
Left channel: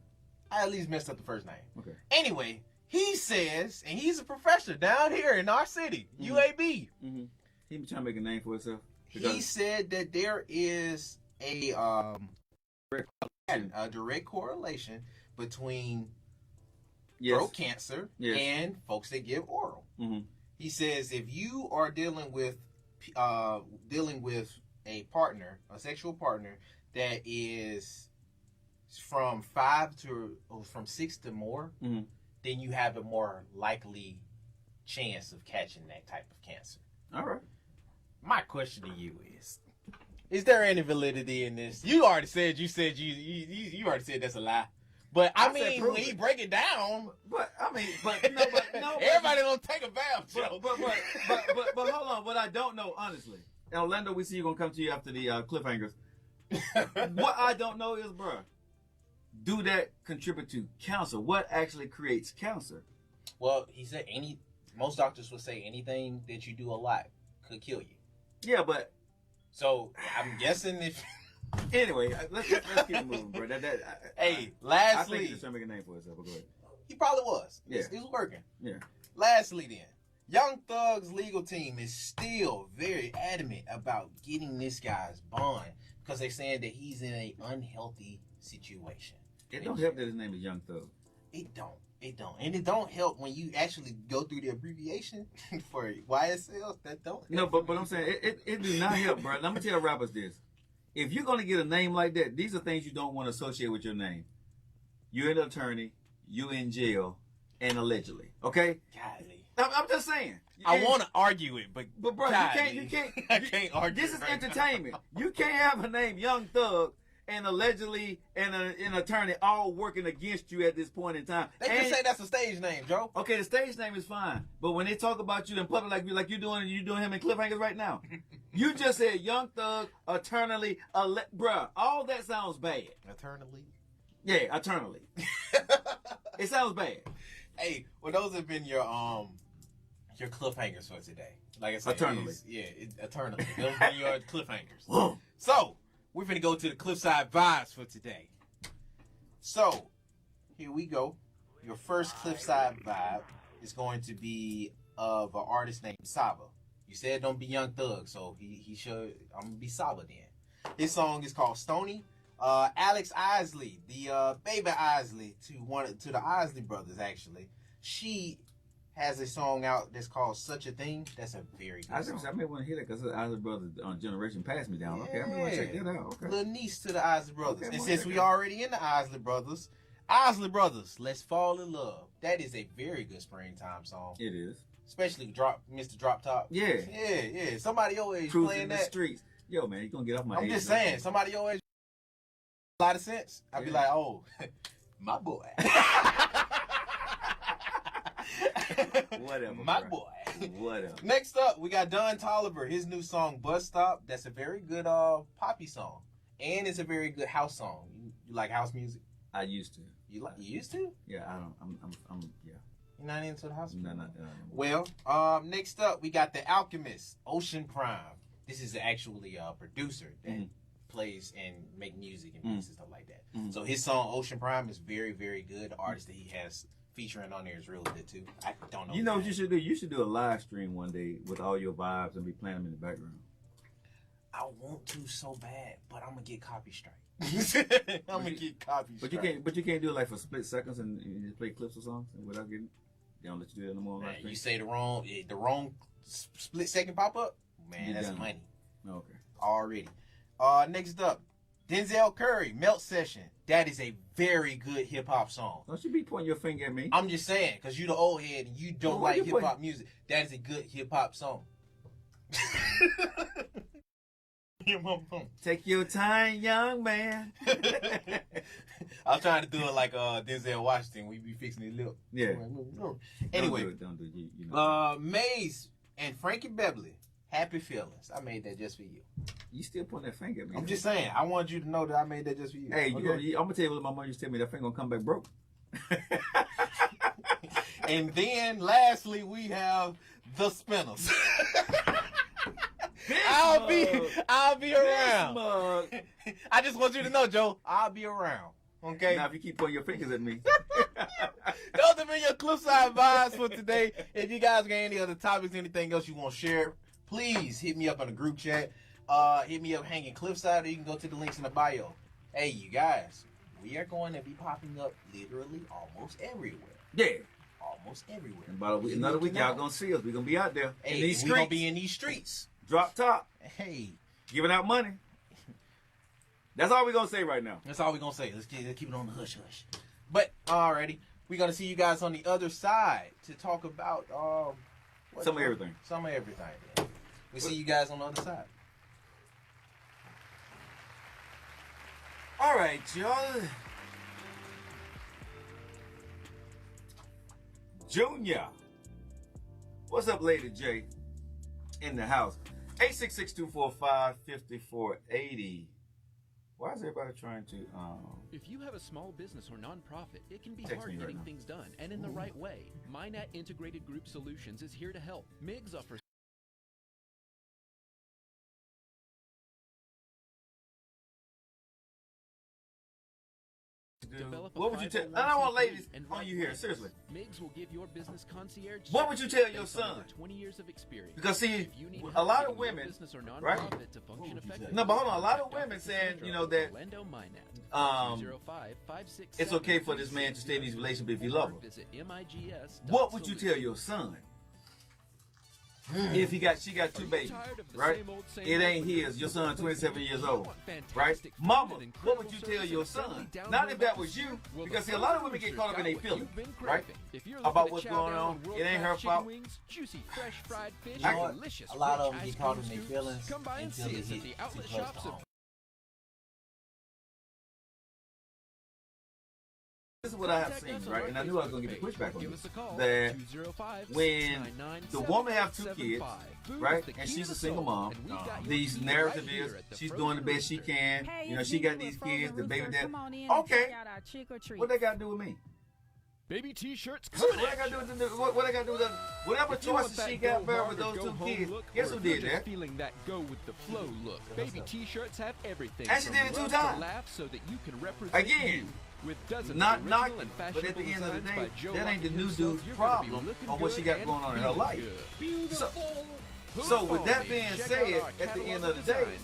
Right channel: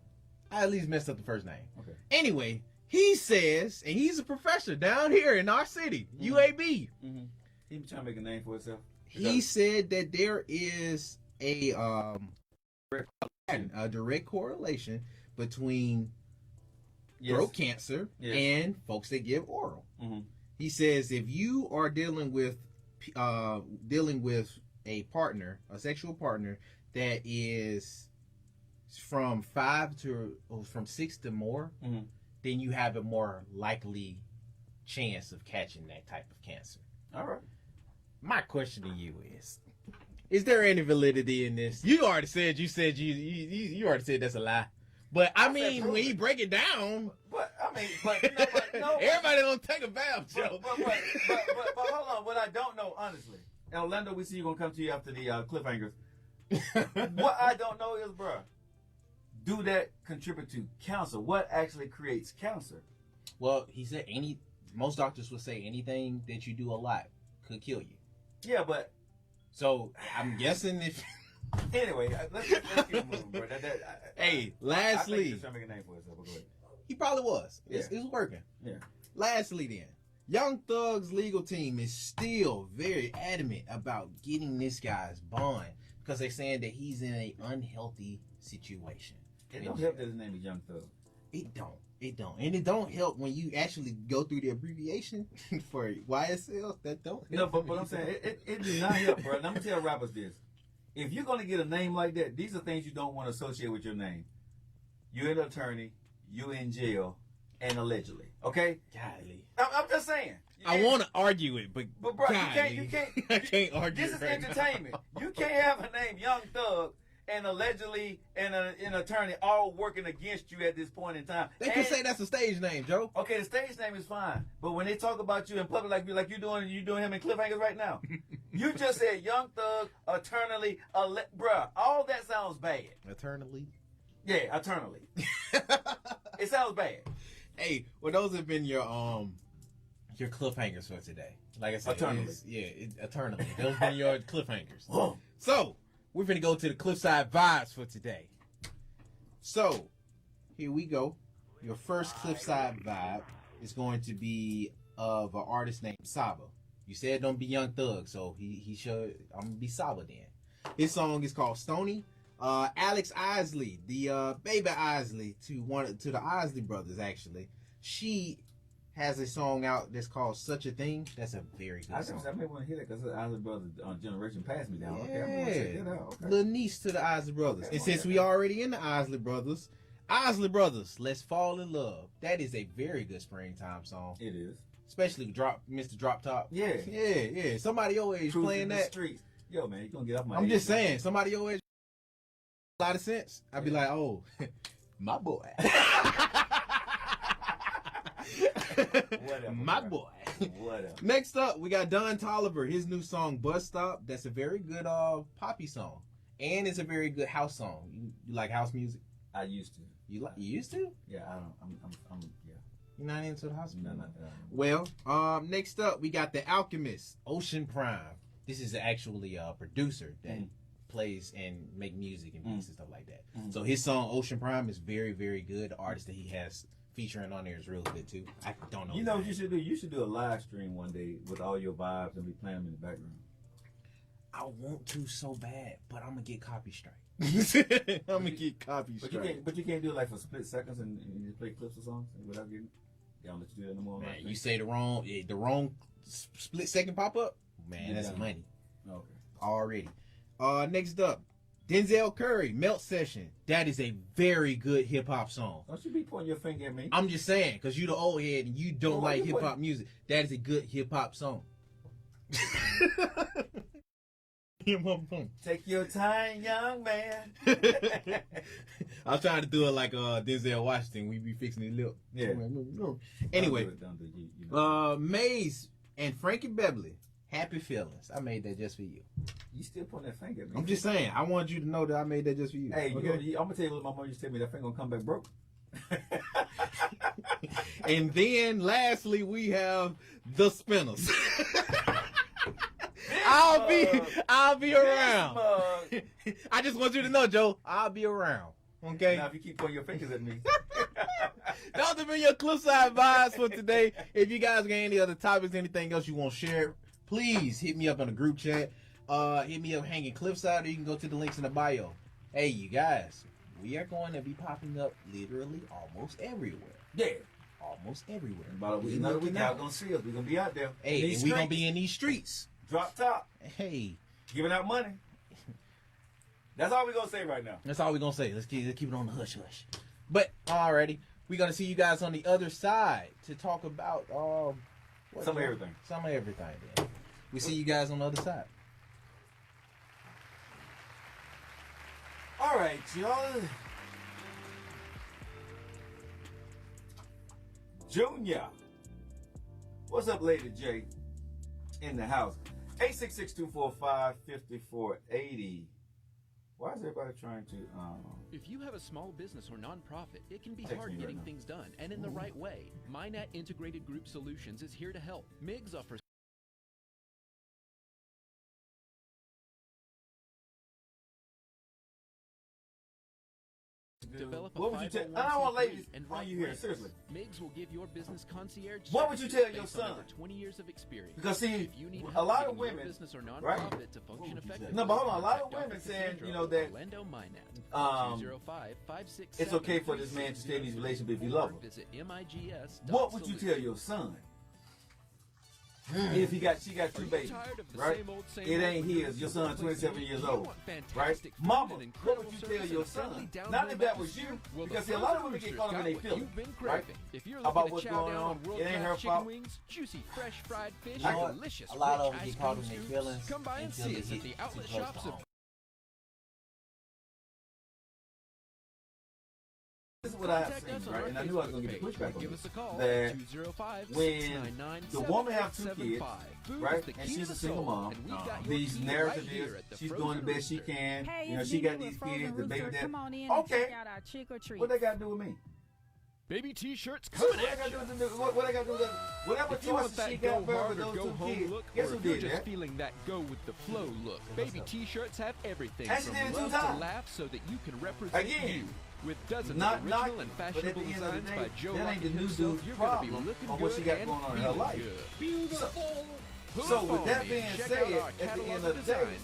I at least messed up the first name. Okay. Anyway, he says, and he's a professor down here in our city, UAB. Mm-hmm. He been trying to make a name for himself. He said that there is a direct correlation between throat cancer and folks that give oral. Mm-hmm. He says if you are dealing with a partner, a sexual partner that is from 6 to more, mm-hmm. then you have a more likely chance of catching that type of cancer. All right. My question to you is there any validity in this? You already said you already said that's a lie. But I mean, when you break it down, everybody don't take a bath, Joe. But hold on. What I don't know, honestly, and Orlando, we see you gonna come to you after the cliffhangers. What I don't know is, bro, do that contribute to cancer? What actually creates cancer? Well, he said most doctors would say anything that you do a lot could kill you. Yeah, but so I'm guessing if. Anyway, let's keep moving, bro. Hey, lastly, I think lastly, he's trying to make a name for himself. But go ahead. He probably was. Yeah. It's working. Yeah. Lastly, then, Young Thug's legal team is still very adamant about getting this guy's bond because they're saying that he's in an unhealthy situation. It don't help that his name is Young Thug. It don't. And it don't help when you actually go through the abbreviation for YSL. That don't. No, but I'm saying it do not help, bro. Let me tell rappers this. If you're going to get a name like that, these are things you don't want to associate with your name. You're an attorney, you're in jail, and allegedly. Okay? Golly. I'm just saying. I want to argue it, but bro, golly. you can't. I can't argue. This is right entertainment. now. You can't have a name Young Thug and allegedly and an attorney all working against you at this point in time. They just say that's a stage name, Joe. Okay, the stage name is fine, but when they talk about you in public like you're doing him in cliffhangers right now, you just said Young Thug, eternally, bruh. All that sounds bad. Eternally. Yeah, eternally. It sounds bad. Hey, well, those have been your cliffhangers for today. Like I said, eternally. Eternally. Those have been your cliffhangers. So we're gonna go to the Cliffside Vibes for today. So here we go. Your first Cliffside vibe is going to be of an artist named Saba. You said don't be Young Thug, so he should. I'm gonna be Saba then. His song is called Stony. Alex Isley, the baby Isley to the Isley brothers, actually. She has a song out that's called Such a Thing. That's a very good song. I may want to hear that because the Isley brothers generation passed me down. Okay, I'm gonna check that out. Okay. Little niece to the Isley brothers. Okay, and since we already in the Isley brothers, let's fall in love. That is a very good springtime song. It is. Especially Mr. Drop Top. Yeah. Yeah. Somebody your age Cruising playing the that. streets. Yo, man, you gonna get off my I'm age, just man. saying, somebody your age. A lot of sense. I'd be like, oh, my boy. Whatever. My bro. boy. Whatever. Next up, we got Don Toliver. His new song, Bus Stop. That's a very good poppy song. And it's a very good house song. You like house music? I used to. You used to? Yeah, I don't. I'm yeah. You're not into the house music? No. Well, next up, we got The Alchemist, Ocean Prime. This is actually a producer that plays and make music and beats and stuff like that. Mm-hmm. So his song, Ocean Prime, is very, very good. The artist that he has featuring on there is really good, too. I don't know. You know what you should do? You should do a live stream one day with all your vibes and be playing them in the background. I want to so bad, but I'm going to get copy strike. I'm going to get copy strike. But you can't do it like for split seconds and just play clips or songs without getting. They don't let you do that no more. Man, you say the wrong split second pop up, man, that's money. Okay. Already. Next up, Denzel Curry, Melt Session. That is a very good hip hop song. Don't you be pointing your finger at me. I'm just saying, because you the old head and you don't like hip hop music. That is a good hip hop song. Take your time, young man. I'm trying to do it like Denzel Washington. We be fixing his lip. Yeah. Anyway, Don't do it. You know. Maze and Frankie Beverly, Happy Feelings. I made that just for you. You still pointing that finger at me. I'm just saying. I want you to know that I made that just for you. Hey, okay? I'm gonna tell you what my mom used to tell me. That finger gonna come back broke. And then lastly, we have the Spinners. I'll be around. I just want you to know, Joe, I'll be around. Okay? Now, if you keep pointing your fingers at me. Those have been your Cliffside vibes for today. If you guys got any other topics, anything else you want to share, please hit me up on the group chat. Hit me up hanging Cliffside, or you can go to the links in the bio. Hey, you guys, we are going to be popping up literally almost everywhere. Yeah. Almost everywhere. In about a week, another week, y'all gonna see us. We're gonna be out there. Hey, we're gonna be in these streets. Drop top. Hey. Giving out money. That's all we're gonna say right now. That's all we're gonna say. Let's keep it on the hush hush. But alrighty, we're gonna see you guys on the other side to talk about Some of everything. Some of everything. Then. We see you guys on the other side. All right, y'all. Junior. What's up, Lady J? In the house. 866-245-5480. Why is everybody trying to text me right now? What would you tell? I don't want ladies on you here, seriously. What would you tell your son? Because see, a lot of women, right? What would you tell? No, but hold on. A lot of women saying, that it's okay for this man to stay in these relationships if he love her. What would you tell your son if she got 2 babies, right? It ain't his. Your son 27 years old, right? Mamas, what would you tell your son? Not if that was you, because see, a lot of women get caught up in their feelings, right? About what's going on. It ain't her fault. You know what? A lot of them get caught in their feelings until it hit too close to home. This is what I have seen, right? And I knew I was going to get the pushback on this. That when the woman have 2 kids, right, and she's a single mom, the narrative is she's doing the best she can. She got these kids, the baby dad. Okay, what they got to do with me? Shit, what I got to do? What I got to do with that? Whatever choices she got married with those 2 kids, guess who did that? She did to herself, and she did it 2 times. Again, not knocking it, but at the end of the day, that ain't the new dude's problem or what she got going on in her life. So with that being said, at the end of the day,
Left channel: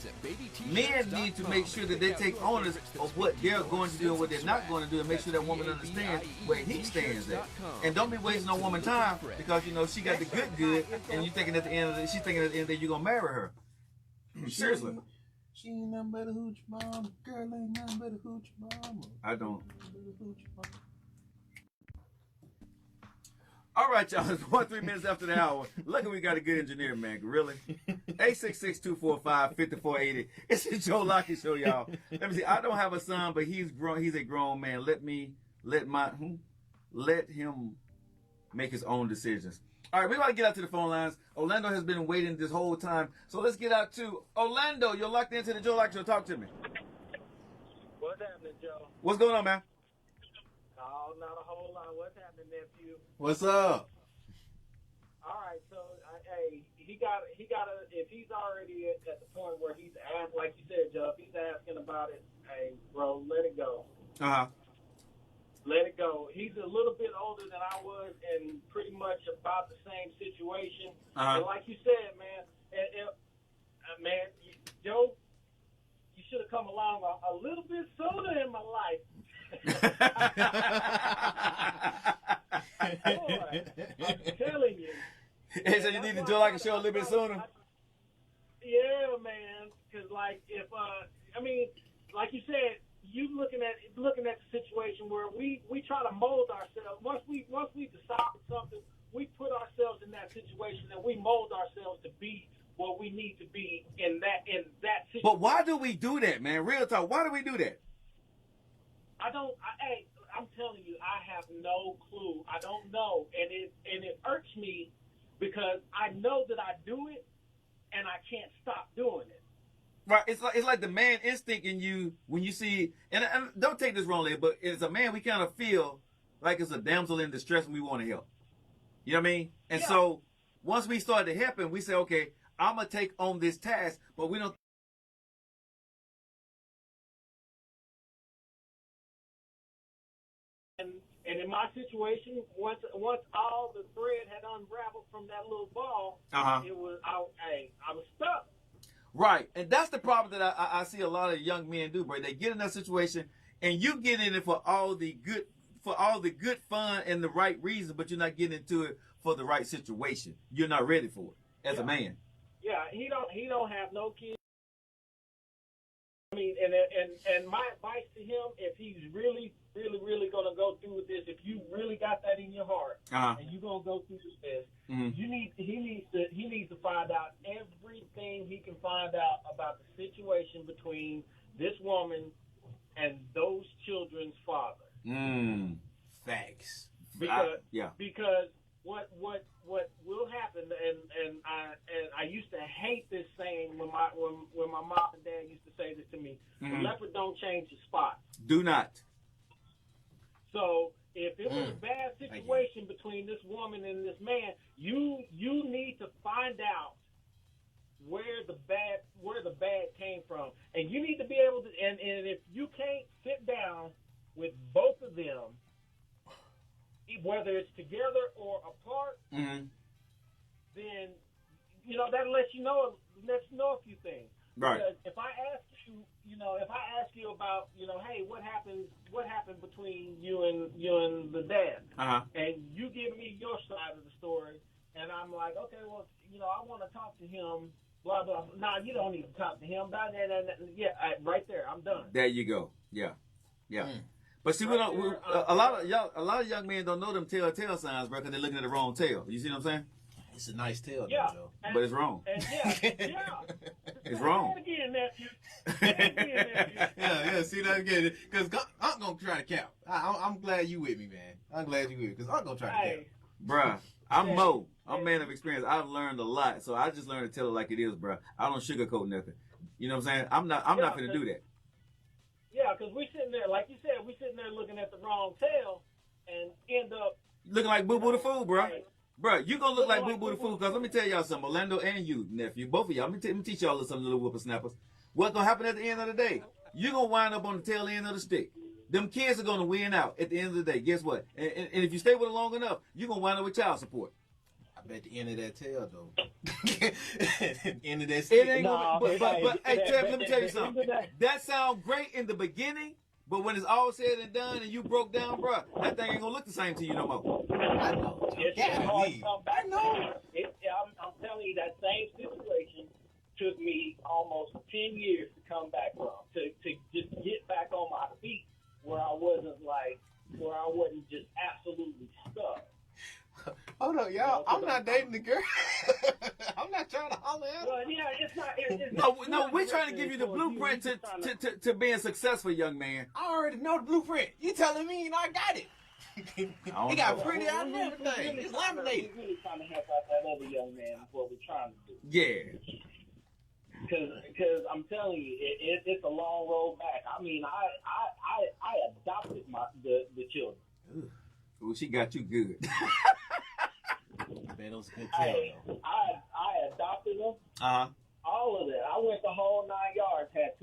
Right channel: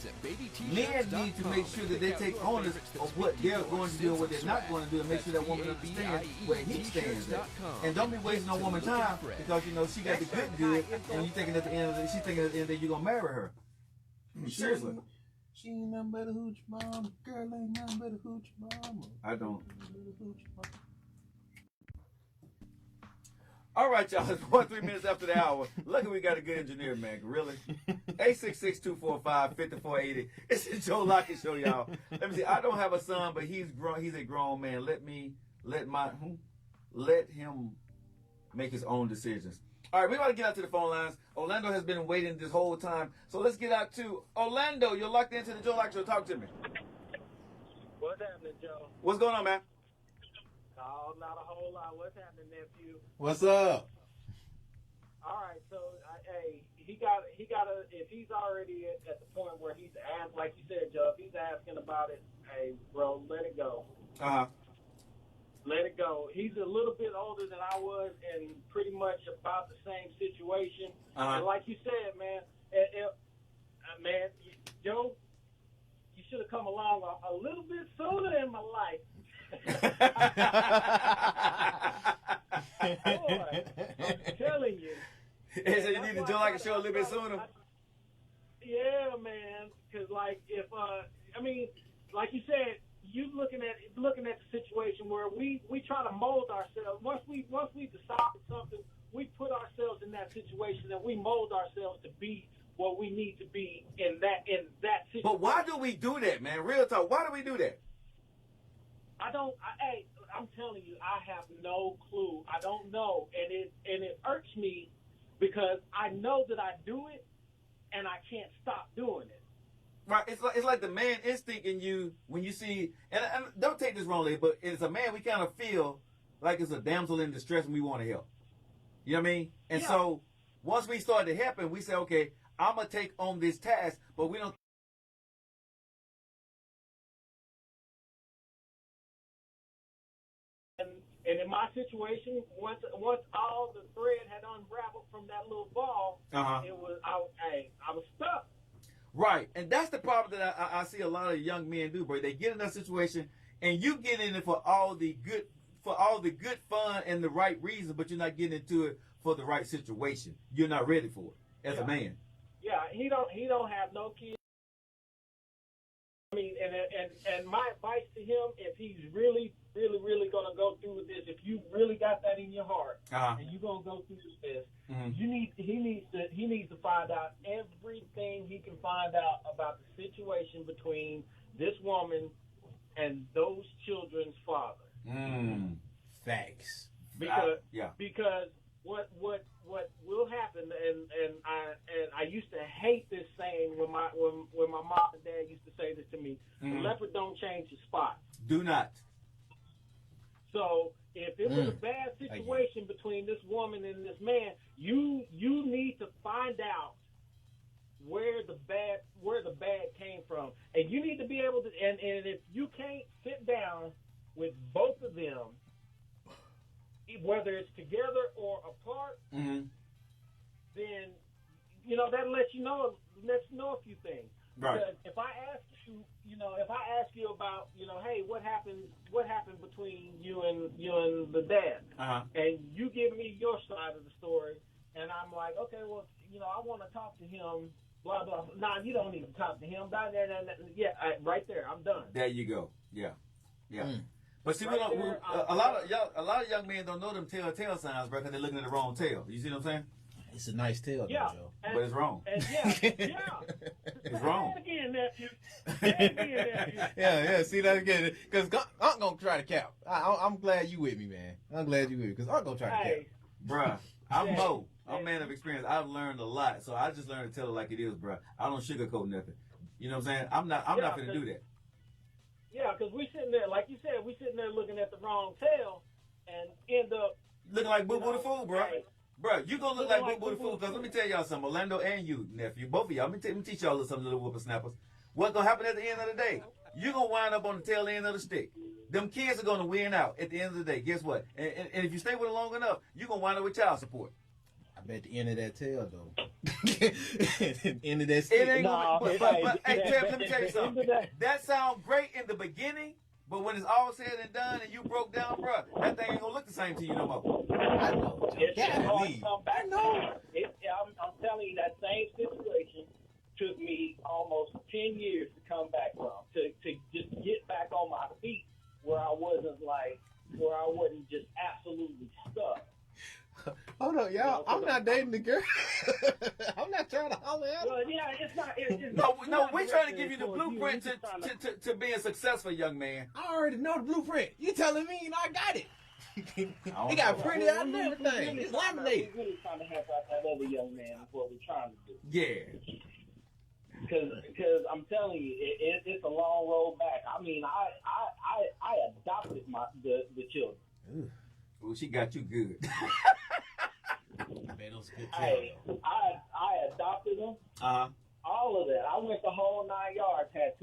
men need to make sure that they take onus of what they're going to do and what they're not going to do, and make sure that woman understands where he stands at. And don't be wasting on woman time because she got the good, and you thinking at the end of the she's thinking at the end of the day you're gonna marry her. Seriously. She ain't nothing but a hooch mama. Girl ain't nothing but a hooch mama. I don't. All right, y'all. It's 3 minutes after the hour. Luckily, we got a good engineer, man. Really? 866-245-5480. It's the Joe Lockie Show, y'all. Let me see. I don't have a son, but he's grown. He's a grown man. Let him make his own decisions. All right, we're going to get out to the phone lines. Orlando has been waiting this whole time. So let's get out to Orlando. You're locked into the Joe Lockie Show. Talk to me. What's going on, man? What's up? All right, so hey, if he's already at the point where he's asked, like you said, Doug, he's asking about it. Hey, bro, let it go. Let it go. He's a little bit older than I was, and pretty much about the same situation. And like you said, man, Joe, you should have come along a little bit sooner in my life. I'm telling you. Hey, so you need to Joe Lockie Show a little bit sooner? Yeah, man. Because like like you said, you looking at the situation where we try to mold ourselves. Once we decide for something, we put ourselves in that situation and we mold ourselves to be what we need to be in that situation. But why do we do that, man? Real talk. Why do we do that? I'm telling you, I have no clue. I don't know, and it hurts me because I know that I do it, and I can't stop doing it. Right, it's like the man instinct in you when you see, and don't take this wrongly, but as a man, we kind of feel like it's a damsel in distress and we want to help. You know what I mean? And so once we start to help him, we say, okay, I'm gonna take on this task, but we don't And in my situation, once all the thread had unraveled from that little ball, it was I was stuck. Right, and that's the problem that I see a lot of young men do, bro. They get in that situation, and you get in it for all the good fun and the right reason, but you're not getting into it for the right situation. You're not ready for it as a man. Yeah, he don't have no kids. I mean, and my advice to him, if he's really gonna go through with this, if you really got that in your heart, and you gonna go through this, he needs to find out everything he can find out about the situation between this woman and those children's father. Facts. Because what will happen, and I used to hate this saying when my mom and dad used to say this to me: the leopard don't change the spot. Do not. So if it's a bad situation between this woman and this man, you need to find out where the bad came from, and you need to be able to. And if you can't get down with both of them, whether it's together or apart, then that lets you know a few things. Right. Because if I ask you about, hey, what happened between you and the dad, and you give me your side of the story, and I'm like, okay, well, I want to talk to him. Blah, blah. Nah, you don't need to talk to him. Right there, I'm done. There you go. Yeah. But see, a lot of young men don't know them telltale signs, bro, because they're looking at the wrong tail. You see what I'm saying? It's a nice tale, Yeah. Joe. But it's wrong. It's wrong. Yeah. See that again? Because I'm gonna try to cap. I'm glad you with me, man. I'm glad you with me because I'm gonna try to cap. Bruh, I'm Mo. I'm a man of experience. I've learned a lot, so I just learned to tell it like it is, bruh. I don't sugarcoat nothing. You know what I'm saying? I'm not gonna do that. Yeah, because we sitting there, like you said, looking at the wrong tail and end up looking like Boo Boo the Fool, bruh. Bruh, you gonna look like Boo Boo the Fool, because let me tell y'all something, Orlando and you, nephew, both of y'all, let me teach y'all some little whippersnappers. What's gonna happen at the end of the day? You're gonna wind up on the tail end of the stick. Them kids are gonna win out at the end of the day. Guess what? And if you stay with it long enough, you're gonna wind up with child support. I bet the end of that tail, though. End of that It stick. ain't gonna, but hey, Tim, let me tell you something. That sounds great in the beginning, but when it's all said and done and you broke down, bruh, that thing ain't gonna look the same to you no more. I know, Joe. Golly. I know. I'm telling you, that same situation took me almost 10 years to come back from, to just get back on my feet, where I wasn't just absolutely stuck. Hold on, y'all. I'm not dating the girl. I'm not trying to holler at her. Well, yeah, it's not. No, we're trying to give you the blueprint to being successful, young man. I already know the blueprint. You telling me I got it. He got printed out and everything. It's laminated. We're really trying to help out that other young man. That's what we're trying to do. Yeah. Because I'm telling you, it's a long road back. I mean, I adopted the children. Well, she got you good. Man, it was a good tale, though. I adopted them. All of that. I went the whole 9 yards. Had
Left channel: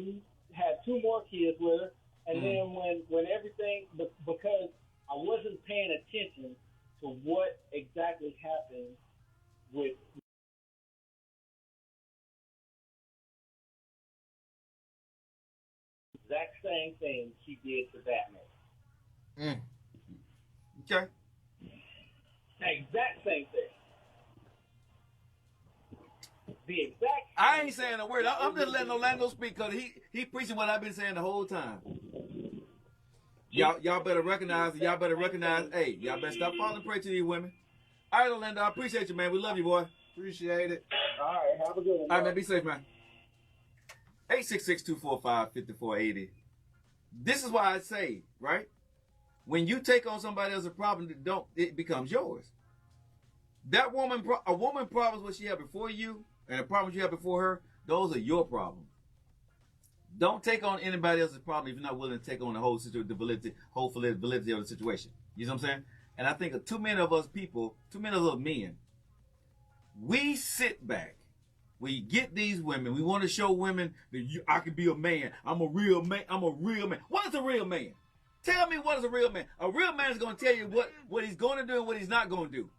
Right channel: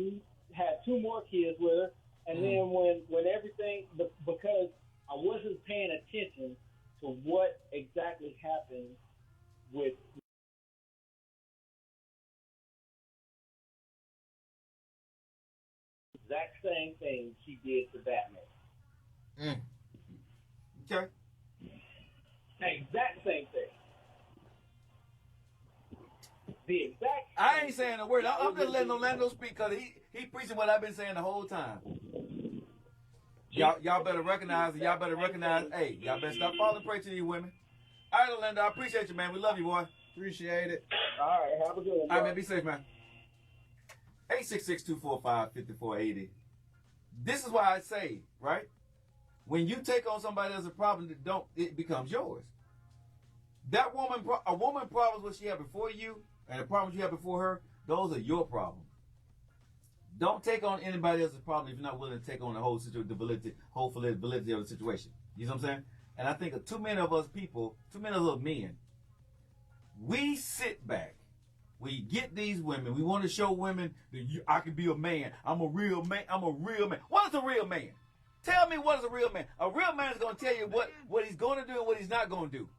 two more kids with her, and then when everything, because I wasn't paying attention to what exactly happened with. Exact same thing she did to Batman. Okay. Exact same thing. The exact. I ain't saying a word. I'm just letting Orlando speak because he preaching what I've been saying the whole time. Y'all better recognize. Hey, y'all better stop falling prey to these women. All right, Orlando, I appreciate you, man. We love you, boy. Appreciate it. All right, have a good one. All right, man. Be safe, man. 866-245-5480. This is why I say, right? When you take on somebody else's problem, it becomes yours. A woman problems what she had before you, and the problems you had before her, those are your problems. Don't take on anybody else's problem if you're not willing to take on the whole situation, the validity of the situation. You know what I'm saying? And I think too many of us men, we sit back. We get these women. We want to show women that I can be a man. I'm a real man. What is a real man? Tell me what is a real man. A real man is going to tell you what he's going to do and what he's not going to do.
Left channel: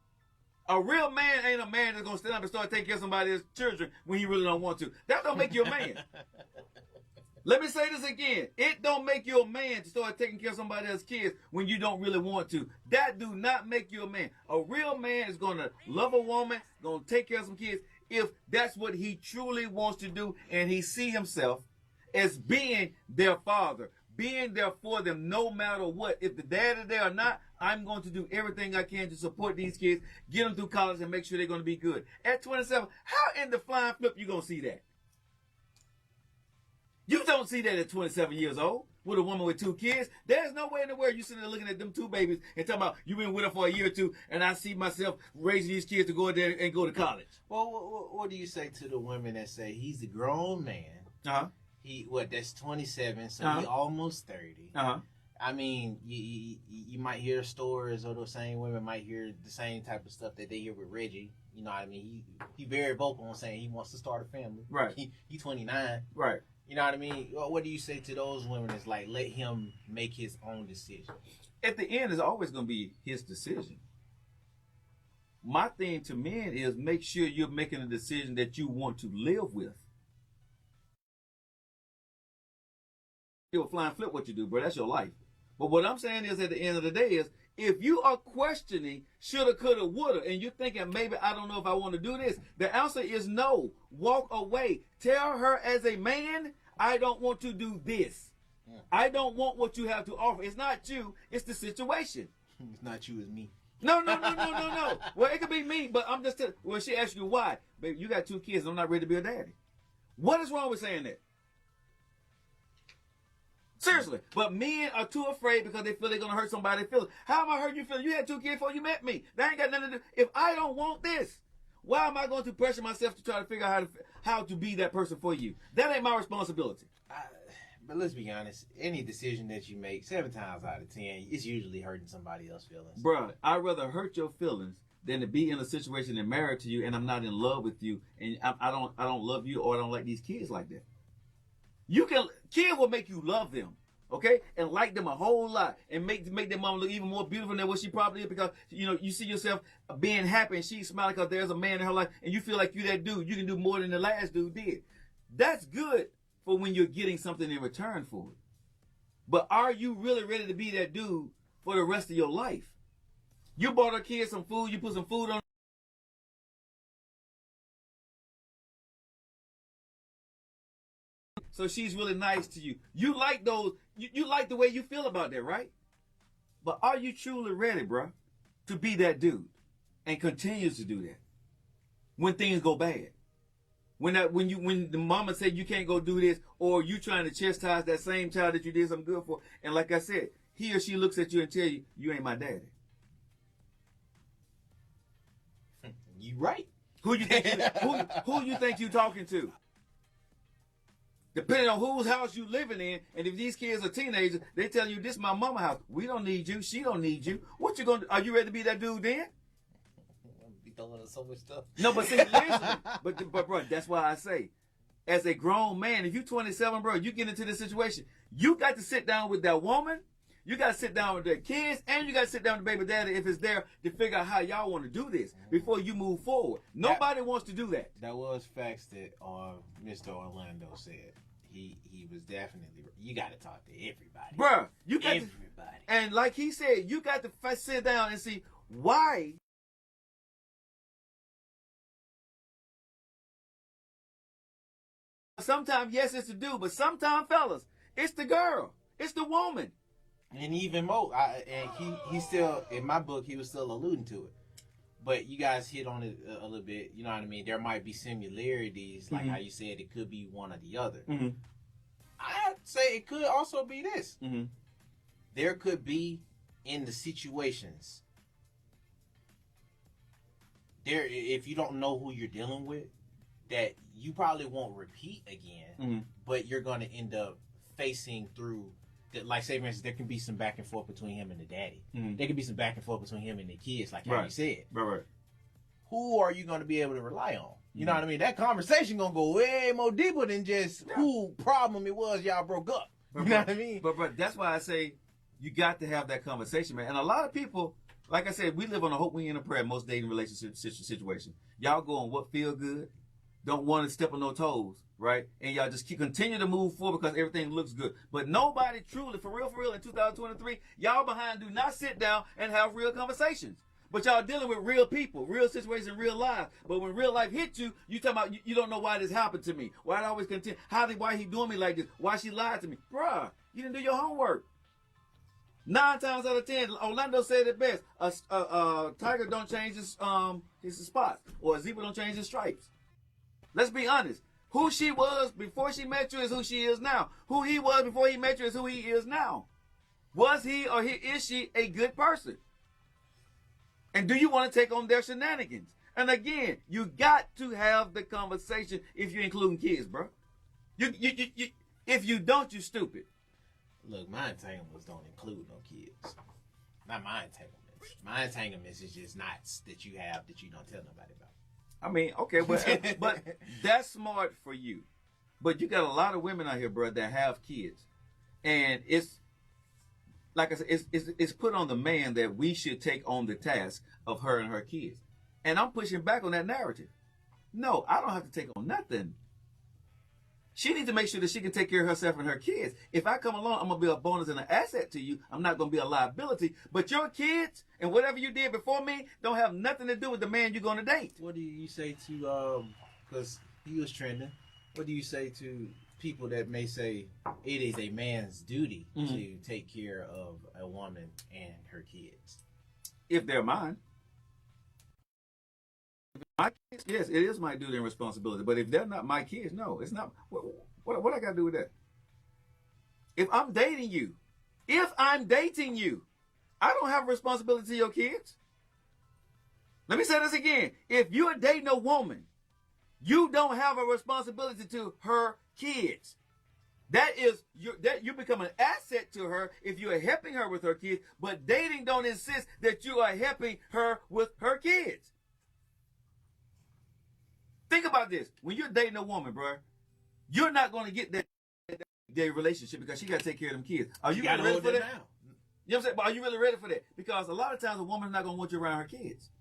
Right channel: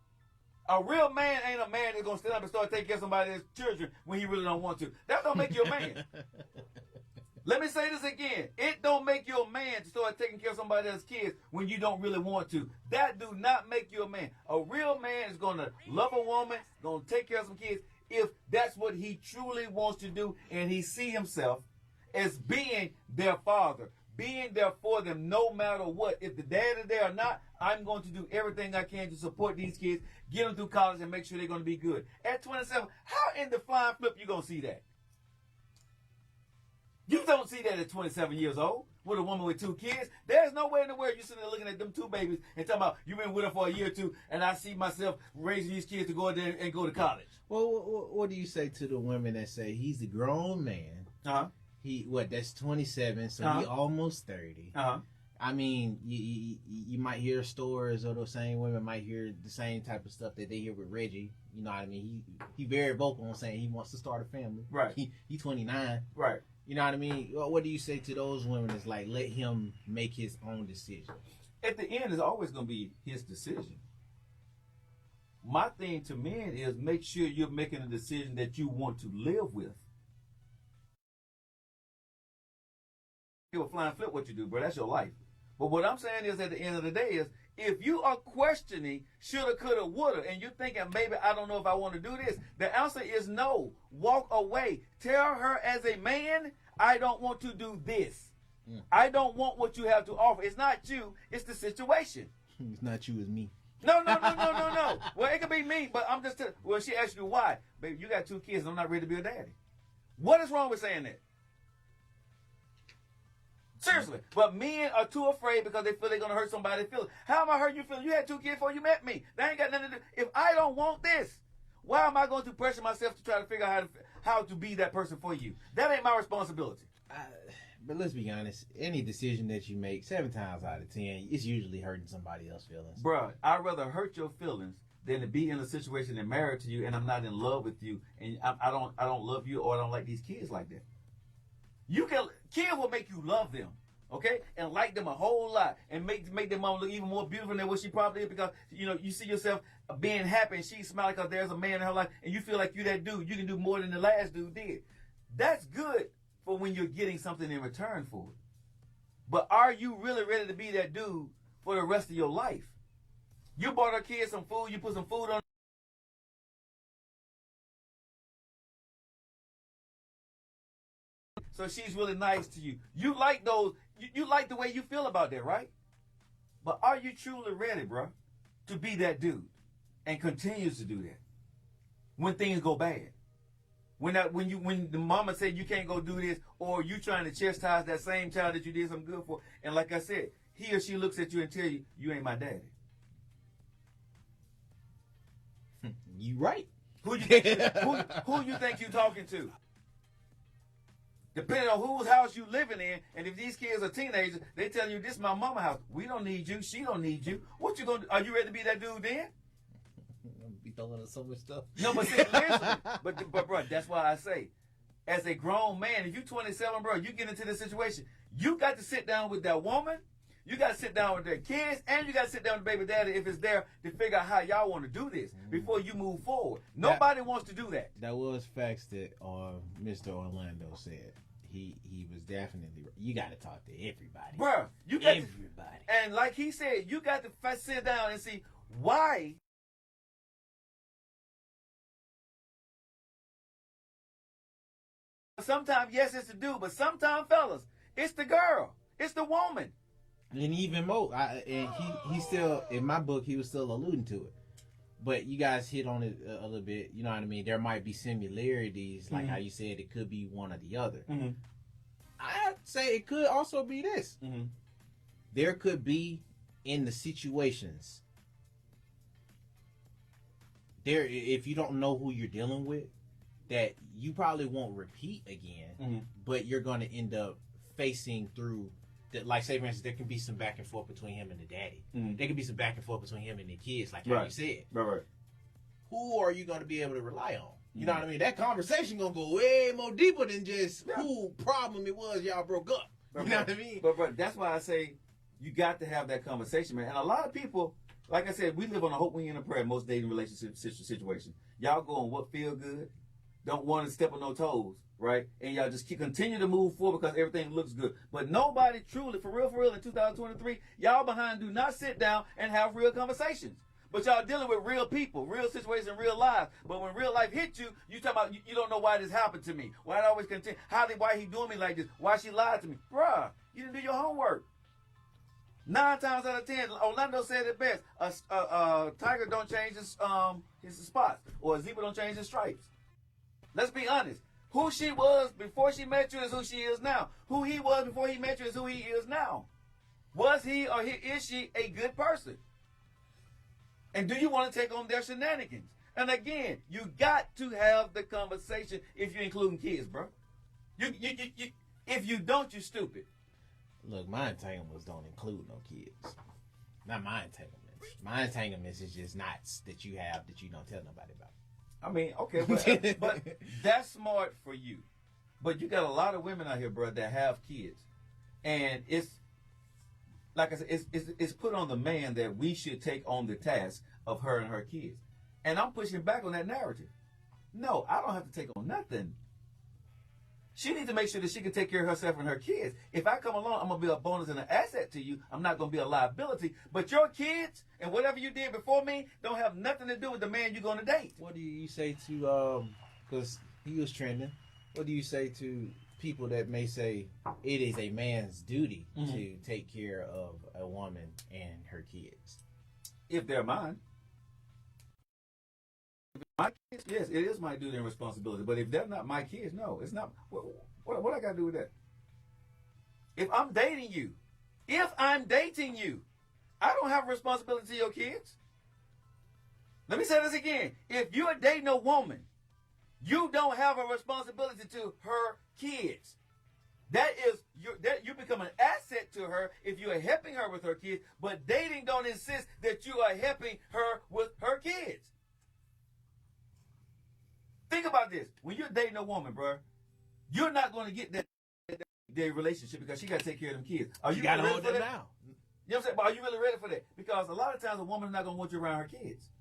A real man ain't a man that's going to stand up and start taking care of somebody's children when he really don't want to. That don't make you a man. Let me say this again. It don't make you a man to start taking care of somebody else's kids when you don't really want to. That do not make you a man. A real man is going to love a woman, going to take care of some kids if that's what he truly wants to do, and he see himself as being their father, being there for them no matter what. If the dad is there or not, I'm going to do everything I can to support these kids, get them through college, and make sure they're going to be good. At 27, how in the flying flip you going to see that? You don't see that at 27 years old with a woman with 2 kids. There's no way in the world you sitting there looking at them 2 babies and talking about you've been with her for a year or 2, and I see myself raising these kids to go there and go to college. Well, what do you say to the women that say he's a grown man? Uh-huh. That's 27, so he almost 30. Uh-huh. I mean, you might hear stories, or those same women might hear the same type of stuff that they hear with Reggie. You know what I mean? He very vocal on saying he wants to start a family. Right. He 29. Right. You know what I mean? What do you say to those women that's like, let him make his own decision? At the end, it's always going to be his decision. My thing to men is make sure you're making a decision that you want to live with. You'll fly and flip what you do, bro. That's your life. But what I'm saying is, at the end of the day, is if you are questioning shoulda, coulda, woulda, and you're thinking maybe I don't know if I want to do this, the answer is no. Walk away. Tell her as a man, I don't want to do this. I don't want what you have to offer. It's not you. It's the situation. It's not you, it's me. No. Well, it could be me, but I'm just well, she asked you why. Baby, you got 2 kids and I'm not ready to be a daddy. What is wrong with saying that? Seriously. But men are too afraid because they feel they're going to hurt somebody's feelings. How am I hurting your feelings? You had 2 kids before you met me. That ain't got nothing to do. If I don't want this, why am I going to pressure myself to try to figure out how to be that person for you? That ain't my responsibility. But let's be honest. Any decision that you make, 7 times out of 10, it's usually hurting somebody else's feelings. Bruh, I'd rather hurt your feelings than to be in a situation and married to you and I'm not in love with you and I don't love you, or I don't like these kids like that. Kids will make you love them, okay, and like them a whole lot, and make their mom look even more beautiful than what she probably is, because you see yourself being happy and she's smiling because there's a man in her life, and you feel like you that dude. You can do more than the last dude did. That's good for when you're getting something in return for it. But are you really ready to be that dude for the rest of your life? You bought her kids some food. You put some food on. So she's really nice to you. You like those. You like the way you feel about that, right? But are you truly ready, bro, to be that dude and continues to do that when things go bad? When the mama said you can't go do this, or you trying to chastise that same child that you did something good for, and like I said, he or she looks at you and tell you, you ain't my daddy. You right. Who you think you talking to? Depending on whose house you living in, and if these kids are teenagers, they telling you, this is my mama house. We don't need you. She don't need you. What you gonna do? Are you ready to be that dude then? Be throwing us so much stuff. No, but see, listen. But bro, that's why I say, as a grown man, if you 27, bro, you get into this situation, you got to sit down with that woman, you got to sit down with their kids, and you got to sit down with baby daddy if it's there to figure out how y'all want to do this before you move forward. Nobody wants to do that. That was facts that Mr. Orlando said. He was definitely. You got to talk to everybody, Bruh, you got everybody. and like he said, you got to sit down and see why. Sometimes, yes, it's the dude, but sometimes, fellas, it's the girl, it's the woman. And even more, he still, in my book, he was still alluding to it. But you guys hit on it a little bit. You know what I mean? There might be similarities, like how you said it could be one or the other. Mm-hmm. I'd say it could also be this. Mm-hmm. There could be in the situations there, if you don't know who you're dealing with, that you probably won't repeat again, but you're going to end up facing through. Like, say, for instance, there can be some back and forth between him and the daddy. There can be some back and forth between him and the kids, like how you said. Right. Who are you going to be able to rely on? You know what I mean? That conversation going to go way more deeper than just who problem it was y'all broke up. You know what I mean? But that's why I say you got to have that conversation, man. And a lot of people, like I said, we live on a hope, win, and a prayer in most dating relationship situation. Y'all go on what feel good, don't want to step on no toes, right? And y'all just continue to move forward because everything looks good. But nobody truly, for real, in 2023, y'all behind do not sit down and have real conversations. But y'all dealing with real people, real situations, real life. But when real life hits you, you talking about you don't know why this happened to me. Why I always continue? Why he doing me like this? Why she lied to me? Bruh, you didn't do your homework. 9 times out of 10, Orlando said it best. A tiger don't change his spots, or a zebra don't change his stripes. Let's be honest. Who she was before she met you is who she is now. Who he was before he met you is who he is now. Was he or is she a good person? And do you want to take on their shenanigans? And again, you got to have the conversation if you're including kids, bro. If you don't, you're stupid. Look, my entanglements don't include no kids. Not my entanglements. My entanglements is just knots that you have that you don't tell nobody about. I mean, okay, but that's smart for you. But you got a lot of women out here, bro, that have kids. And it's, like I said, it's put on the man that we should take on the task of her and her kids. And I'm pushing back on that narrative. No, I don't have to take on nothing. She needs to make sure that she can take care of herself and her kids. If I come along, I'm going to be a bonus and an asset to you. I'm not going to be a liability. But your kids and whatever you did before me don't have nothing to do with the man you're going to date. What do you say to, because he was trending, what do you say to people that may say it is a man's duty to take care of a woman and her kids? If they're mine. Yes, it is my duty and responsibility. But if they're not my kids, no, it's not. What I got to do with that? If I'm dating you, I don't have a responsibility to your kids. Let me say this again. If you're dating a woman, you don't have a responsibility to her kids. That you become an asset to her if you are helping her with her kids. But dating don't insist that you are helping her with her kids. Think about this. When you're dating a woman, bro, you're not going to get their relationship because she got to take care of them kids. Are you really ready for that? Now. You know what I'm saying? But are you really ready for that? Because a lot of times a woman's not going to want you around her kids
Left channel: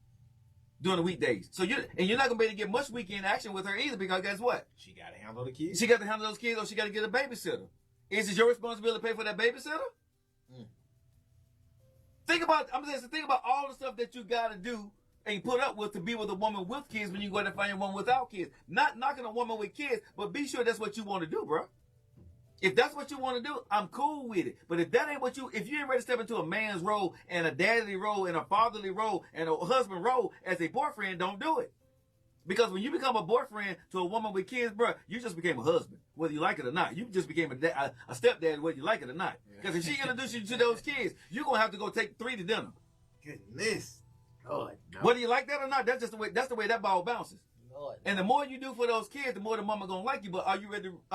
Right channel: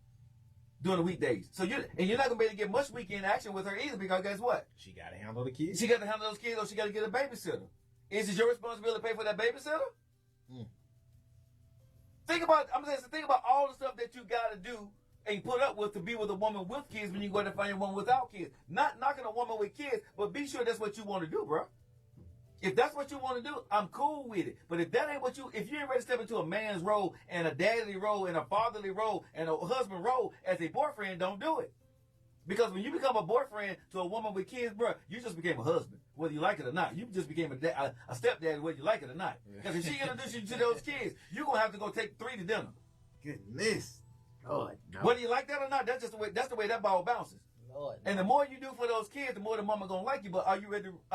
during the weekdays. So you're not going to be able to get much weekend action with her either because guess what? She got to handle the kids. She got to handle those kids or she got to get a babysitter. Is it your responsibility to pay for that babysitter? Think about all the stuff that you got to do and put up with to be with a woman with kids when you go to find a woman without kids. Not knocking a woman with kids, but be sure that's what you want to do, bro. If that's what you want to do, I'm cool with it. But if that ain't if you ain't ready to step into a man's role and a daddy role and a fatherly role and a husband role as a boyfriend, don't do it. Because when you become a boyfriend to a woman with kids, bro, you just became a husband, whether you like it or not. You just became a stepdad, whether you like it or not. Because if she introduces you to those kids, you're going to have to go take 3 to dinner. Goodness. Lord, no. Whether you like that or not, that's the way that ball bounces. Lord, and the more you do for those kids, the more the mama gonna like you. But are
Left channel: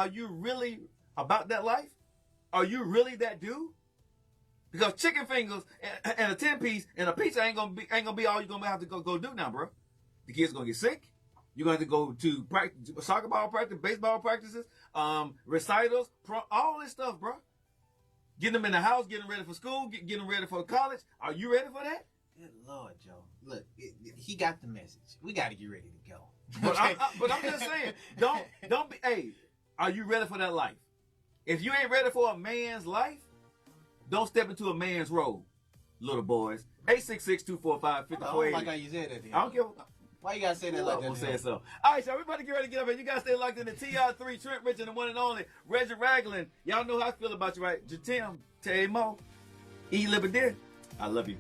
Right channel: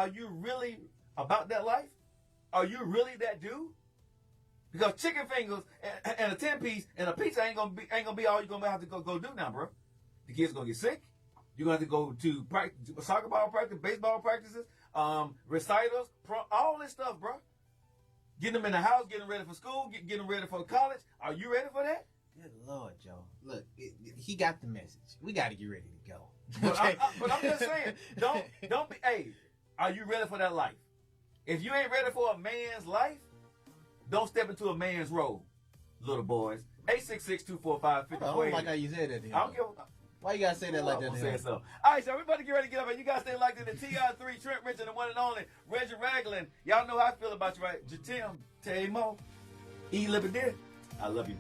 you really about that life? Are you really that dude? Because chicken fingers and a 10-piece and a pizza ain't gonna be all you're gonna have to go do now, bro. The kids gonna get sick. You're gonna have to go to practice, soccer ball practice, baseball practices, recitals, all this stuff, bro. Getting them in the house, getting ready for school, getting them ready for college. Are you ready for that? Good Lord, Joe. Look, he got the message. We got to get ready to go. But I'm just saying, don't be. Hey, are you ready for that life? If you ain't ready for a man's life, don't step into a man's role, little boys. 866-245-5480. I don't like how you said that. I don't care. Why you gotta say that like that? I'm saying so. All right, so everybody get ready to get up, and you guys stay locked in the TR3, Trent Richard, the one and only Reggie Ragland. Y'all know how I feel about you, right? Jatim, Tamo, E. Liberty. I love you.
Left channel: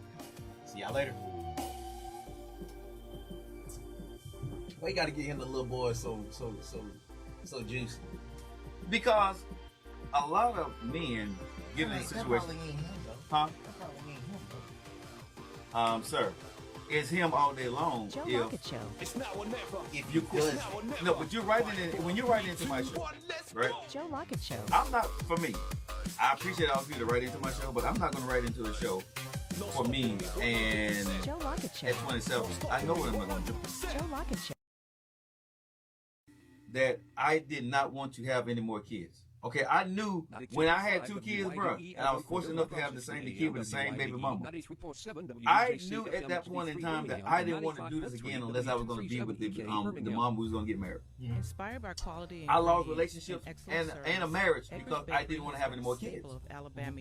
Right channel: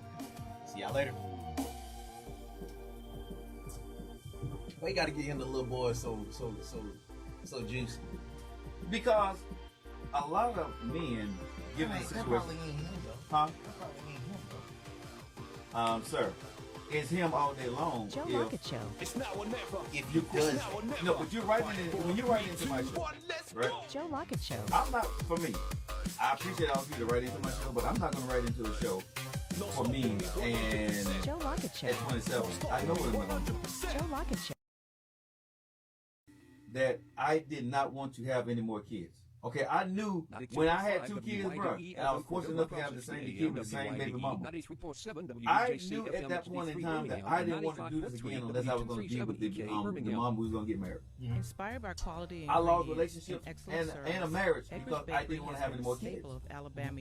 See y'all later. Why you gotta get him the little boy so juicy? Because a lot of men get in a situation. That probably ain't him though. Huh? That probably ain't him though. Sir, it's him all day long if you does that. No, but you're writing in when you're writing into my show, right? I'm not for me. I appreciate all of you to write into my show, but I'm not gonna write into a show for me and at 27. I know what I'm not gonna do. That I did not want to have any more kids. Okay, I knew when I had 2 kids, bro, and I was fortunate enough to have the kid with the same baby mama, I knew at that point in time that I didn't want to do this again unless I was going to be with the mom who was going to get married. Mhm. I lost relationships and a marriage because I didn't want to have any more kids. Mhm.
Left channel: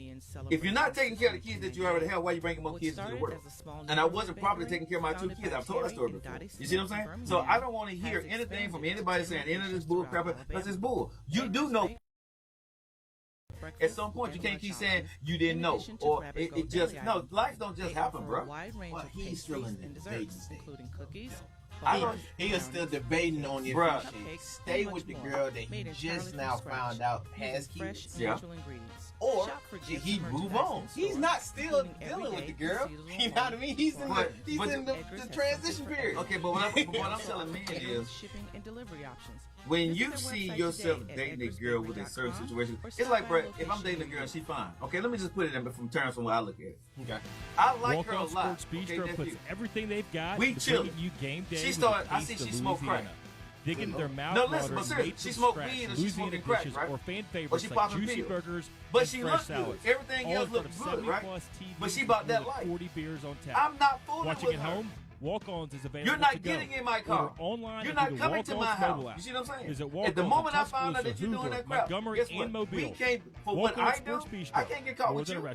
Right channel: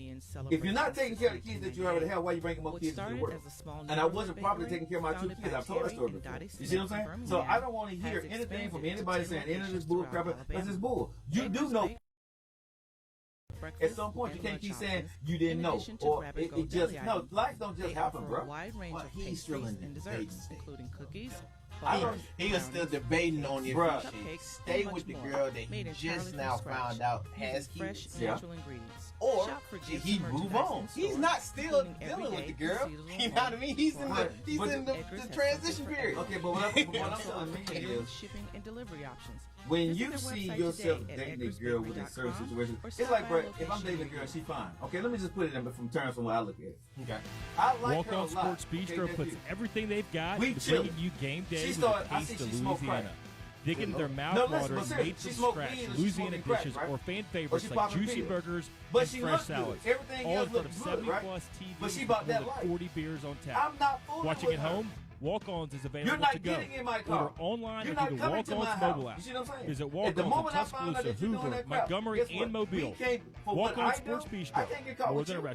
If you're not taking care of the kids that you already have, why are you bringing more kids into the world? And I wasn't properly taking care of my 2 kids. I've told that story before. You see what I'm saying? So I don't want to hear anything from anybody saying any of this bull crap because it's bull. You do know. At some point, you can't keep saying you didn't know or it just no. Life don't just happen, bro. Well, he's still in the debating stages, though, Joe. I don't. He is still debating on if Bruh. he should stay with the girl that he just now found out has kids, Yeah. or should he move on? He's not still dealing with the girl. You know what I mean? He's in But- the transition period. Okay, but what I'm telling men is, when you see yourself dating a girl with a certain situation, it's like, bro, if I'm dating a girl and she fine, okay, let me just put it in from terms from what I look at it. Okay. I like her a lot, okay, nephew. We chilling. I see she smoke crack. Good Lord. No, listen, but seriously, she smoke weed or she smoking crack, right? Or she popping pills. But she look good. Everything else look good, right? But she bought that life. I'm not fooling with her. You're not getting in my car. You're not coming to my house. You see what I'm saying? At the moment I found out that you're doing that crap, guess what? We can't, for what I do, I can't get caught with you.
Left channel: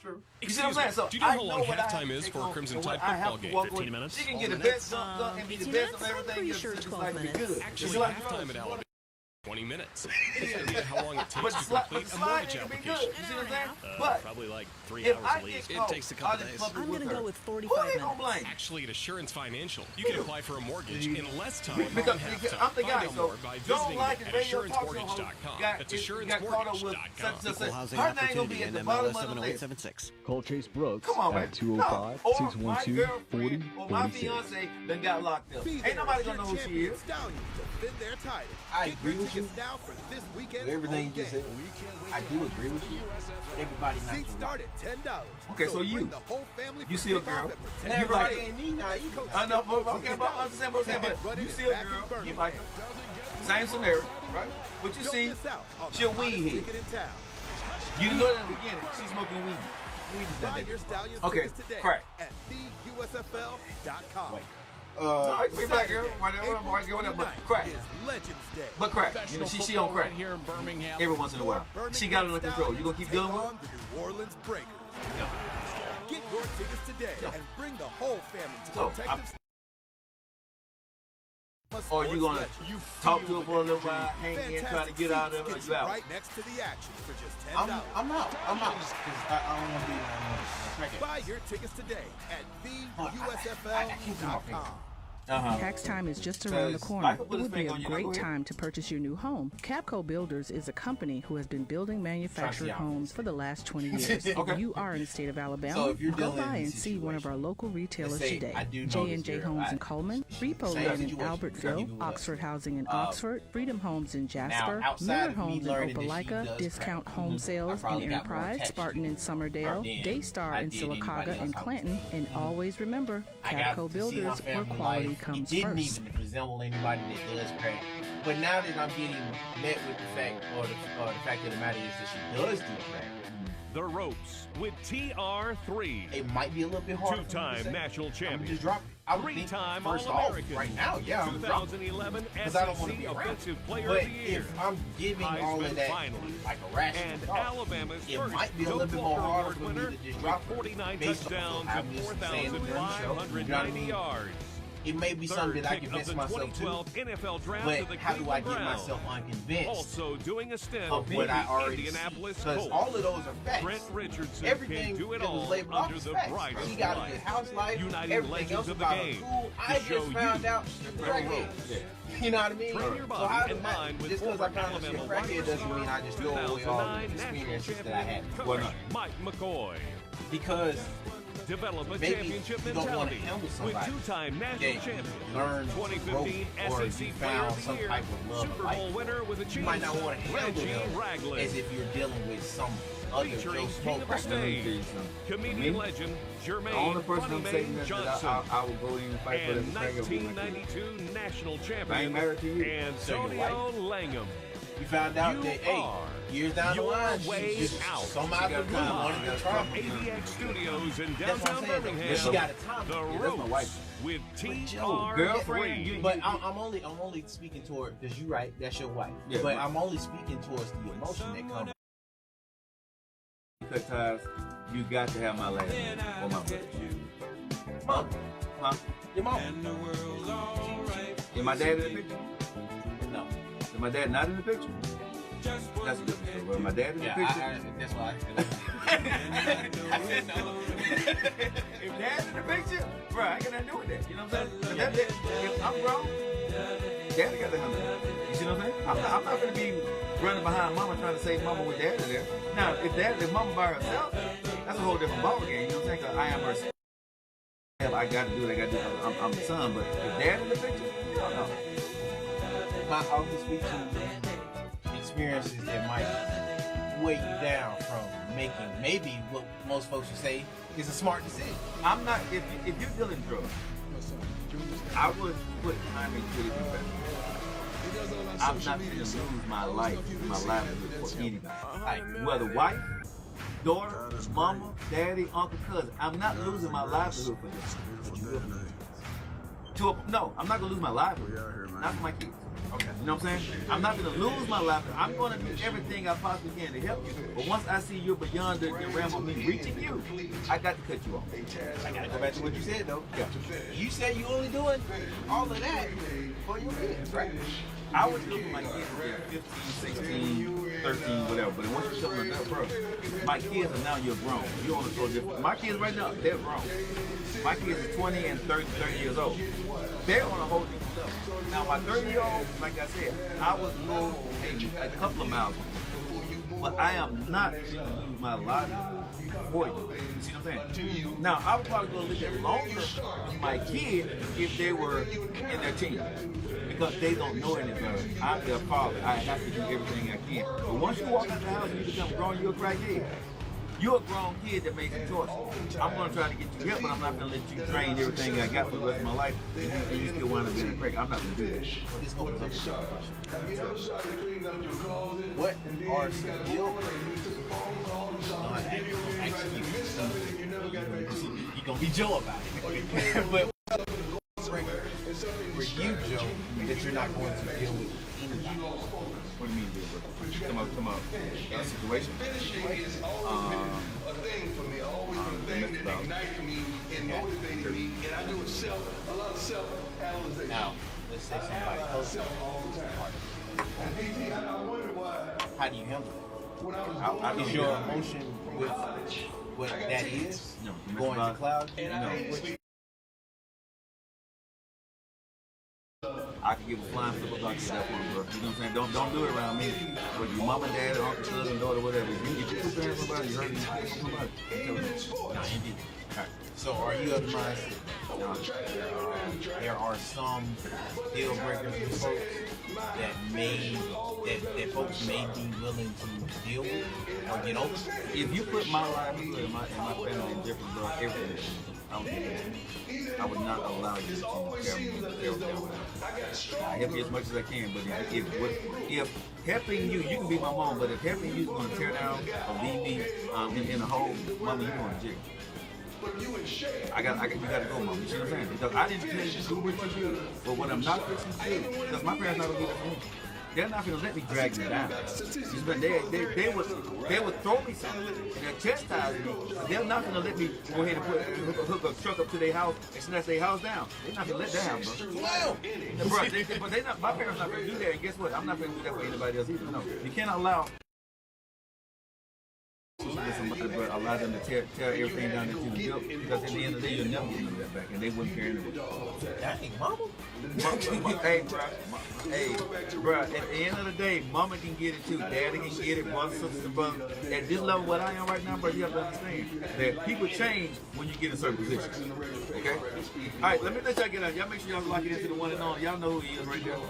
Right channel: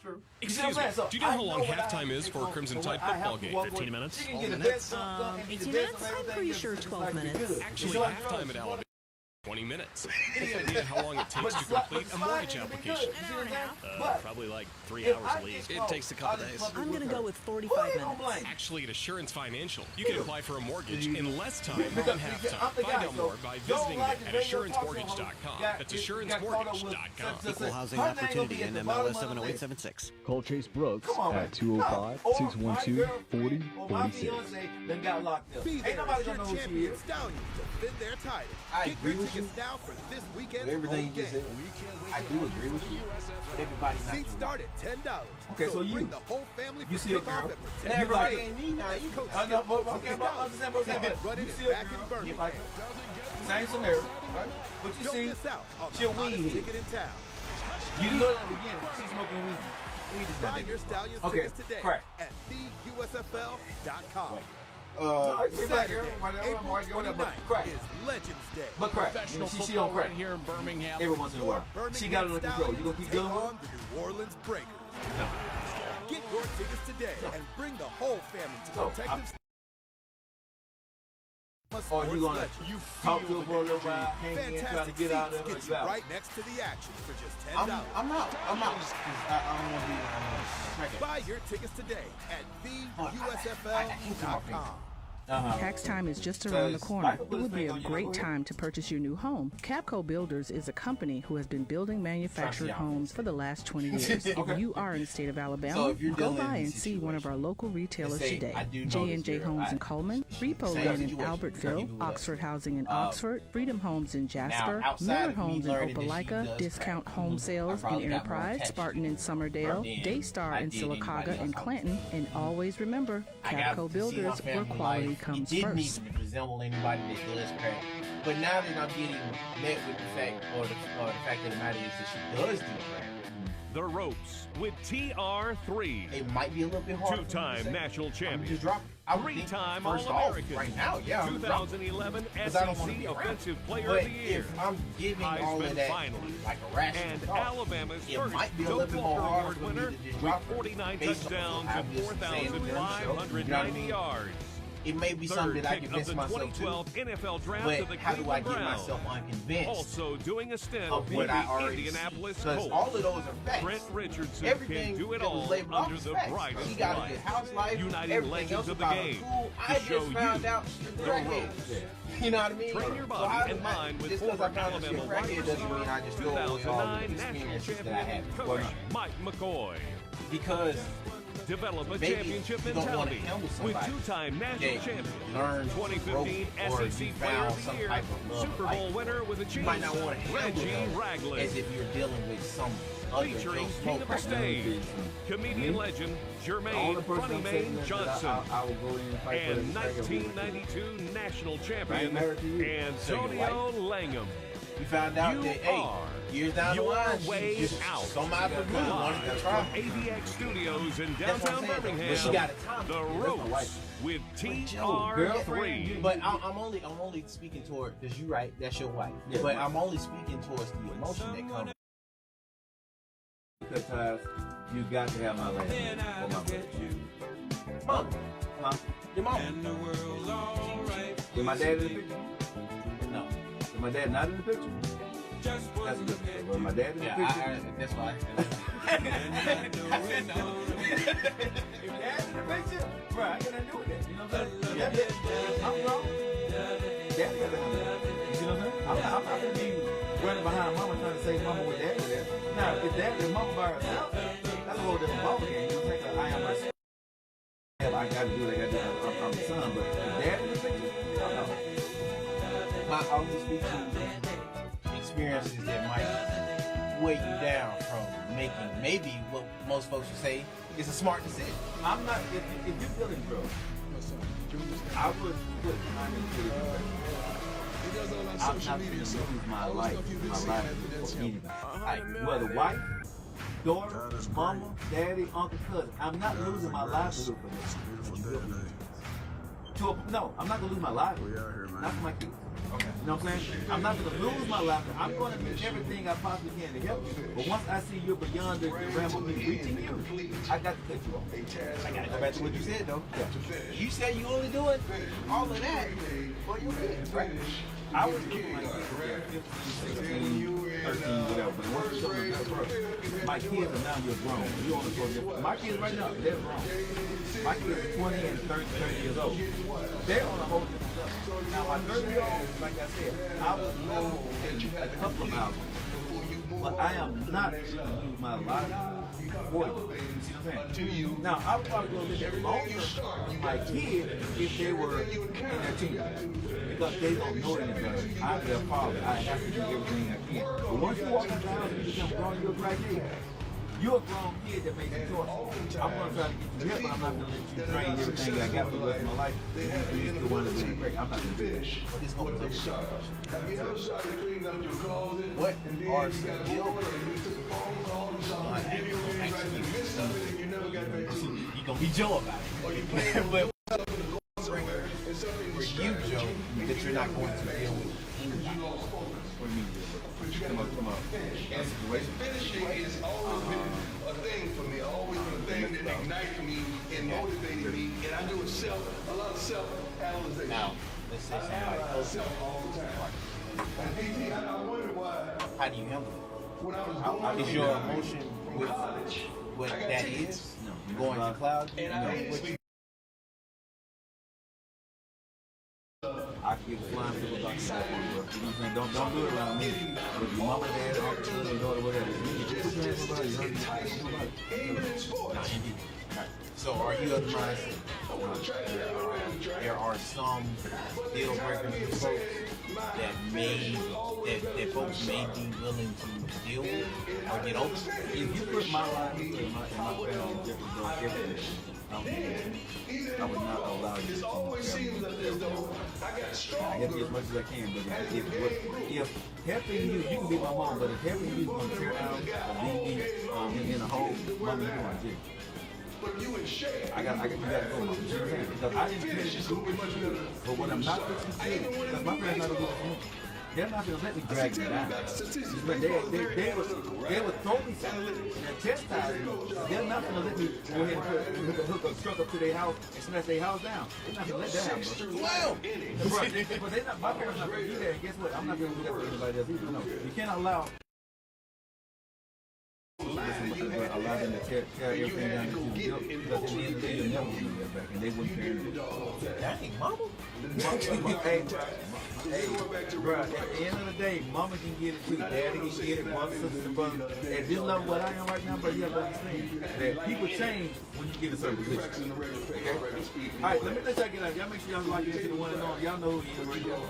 True. You see what I'm saying? So I know what I have to take on and what I have to walk away. She can get the best gun and be the best of everything else. The slip and slide can be good. If The she's slide- on drugs, she bought but the slide ain't gonna be good. You see what I'm saying? But if I get caught out in public with her, who they gonna blame? You. Because I'm the guy. So Joe Likens, radio talk show host, got caught up with such and such. Her name gonna be at the bottom of the list. Come on, man. No. Or my girlfriend or my fiance done got locked up. Ain't nobody gonna know who she is. I agree with you with everything you just said. I do agree with you, but everybody not Joe Lockett. Okay, so you see a girl. Now You everybody like her? ain't me now either. I know, but okay, but I understand what I'm saying. But you see a girl, you like her. Same scenario, right? But you see, she a weed head. You Weed? know that in the beginning, she's smoking weed. Weed is not that big a problem. Okay, crack. Okay, I'm dealing with a white girl now. No, it can be black girl, whatever, white girl, whatever, but crack. Yeah. But crack. You know, she on crack. Mhm. Every once in a while. She got it under control. You gonna keep dealing with her? No. Yeah. So, or you gonna talk to her for a little while, hang in, try to get out of it, or you out? I'm out. I'm out. Because I don't want to be around no crackheads. But I can't put my finger on it. Uh-huh. Because Life will put his finger on you, though. Go ahead. trying to see how I'm finna say this. Okay. So if you're dealing in a situation, let's say I do know this girl. She same Okay. situation. We Okay. can keep it with us. Now, outside of me learning that she does crack, Mm-hmm. I probably got more attached to the girl Right. than I did anybody else I was dating. Mhm. I got to see her family life. It didn't even resemble anybody that does crack. But now that I'm getting met with the fact, or the fact of the matter is that she does do crack, Mm-hmm. it might be a little bit harder for me to say, I'm gonna just drop it. I'm gonna think first off, right now, yeah, I'm gonna drop her Mhm. because I don't want to be around it. But if I'm giving all of that like a rational thought, Mhm. it might be a little bit more harder for me to just drop her based off of how we was saying it during the show. Mhm. You know what I mean? It may be something that I convince myself to, but how do I get myself unconvinced of what I already see? Because all of those are facts. Mhm. Everything that was labeled off is facts. Right, She right. got a good house life. Everything else about her cool. I just found out she's a crackhead. Yeah. You know what I mean? All right. So how do I, just because I found out she a crackhead doesn't mean I just throw away all the experiences that I had before. Why not? Because maybe you don't want to handle somebody that you learned to grow with, or you found some type of love or like for. You might not want to handle them as if you're dealing with some other Joe Smoke crackhead. Man, let me tell you something. For me, the only person I'm saving that I will go in and fight for as a crackhead will be my kid. If I ain't married to you. So your wife, you found out that, hey, years down the line, she some out of the blue wanted to try. I'm gonna be honest with you, but she got a time limit. That's what I'm saying though. Yeah, But she but- got a time limit. Yeah, that's my wife though. But Joe, Girlfriend, you. But you, I'm only speaking toward because you're right. That's your wife. Yeah, but my- I'm only speaking towards the emotion that comes. you cut ties. You got to have my last name or my blood. Mama, Huh? your mama. She. Is my dad in the picture? No. Is my dad not in the picture? That's a different story. But my dad in the Yeah, picture. that's why I eliminated it. I said no. If dad in the picture, bro, I ain't got nothing to do with that. You know what I'm saying? 'Cause Yeah. that, if I'm grown, daddy got to handle that. You see what I'm saying? I'm not gonna be running behind mama trying to save mama with daddy there. Now, if mama by herself, that's a whole different ball game. You know what I'm saying? 'Cause I am her. I got to do what I got to do because I'm the son. But if dad in the picture, hell no. I only speak to the experiences that might weigh you down from making maybe what most folks would say is a smart decision. I'm not. If you're dealing drugs, I would put time into it if you family. I'm not finna lose my life and my livelihood for anybody. I agree. Whether wife, daughter, mama, daddy, uncle, cousin. I'm not losing my livelihood for your behind. But you will for your kids. No, I'm not gonna lose my livelihood. Not for my kids. Okay. You know what I'm saying? I'm not gonna lose my livelihood. I'm gonna do everything I possibly can to help you. But once I see you're beyond the realm of me reaching you, I got to cut you off. But I gotta go back to what you said though. Yeah. You said you only doing all of that for your kids, right? I would do it for my kids if they're 15, 16, 13, whatever. But then once you become an adult, bro, my kids are now you're grown. You're on a total different. My kids right now, they're grown. My kids is 20 and 30 years old. They're on a whole different level. Now, my 30-year-old, like I said, I would go a couple of miles with them. But I am not going to lose my livelihood for you. You see what I'm saying? Mm-hmm. Now, I would probably go a little bit longer with my kid if they were in their teens. Because they don't know any better. I'm their father. I have to do everything I can. But once you walk out the house and you become grown, you're a crackhead. You're a grown kid that made some choices. I'm going to try to get you help, but I'm not going to let you drain everything I got for the rest of my life, and you still wind up being a crack. I'm not going to do that. Well, this opens up a different question now. Sure. What are some deal breakers? We're gonna ask you. I know you're gonna be Joe about it. But what are some deal breakers for you, Joe, that you're not going to deal with anybody? What do you mean, deal breaker? Come out that situation. Situation. Domestic violence. Okay. Period. I won't do it. Now, let's say somebody close to you is a part of domestic violence case. How do you handle that? I don't Is your emotion with what that is no domestic going to violence. cloud you No. through what you? I could give a flying flip about you at that point, bro. You know what I'm saying? Don't do it around me. Whether your mama, dad, uncle, cousin, daughter, whatever. If you put your hands on somebody, you hurt or you steal from somebody, I'm telling you. Not in here. All right. So, are you of the mindset though, where there are some deal breakers with folks that folks may be willing to deal with or get over? If you put my livelihood and my family in jeopardy, bro, everything's a deal, bro. I don't care who knows. I would not allow you to tear me and tear down what I do. I help you as much as I can, but if helping you can be my mom, but if helping you is going to tear down or leave me in a hole, mama, you going to jail. You got to go, mama. You see what I'm saying? Because I didn't tell you to do what you did, but what I'm not fixing to do, because my parents not going to do that for me. They're not going to let me drag them down. You see what I'm saying? They would throw me something and they'll chastise me, but they're not going to let me go ahead and hook a truck up to their house and snatch their house down. They're not going to let that happen, bro. Swell. Bro, but they not. My parents not going to do that, and guess what? I'm not going to do that for anybody else either. No, you can't allow relationship with somebody, bro. Allow them to tear everything down that you done built, because at the end of the day, you'll never get none of that back, and they wouldn't care anyway. Somebody said, "Dang, mama." Hey, bro. At the end of the day, mama can get it too. Daddy can get it. Brothers, sisters, and brothers. At this level, what I am right now, bro, you have to understand that people change when you get in certain positions. Okay. Alrighty. All right. Let me let y'all get on. Y'all make sure y'all lock it into the one and only. Y'all know who he is right there.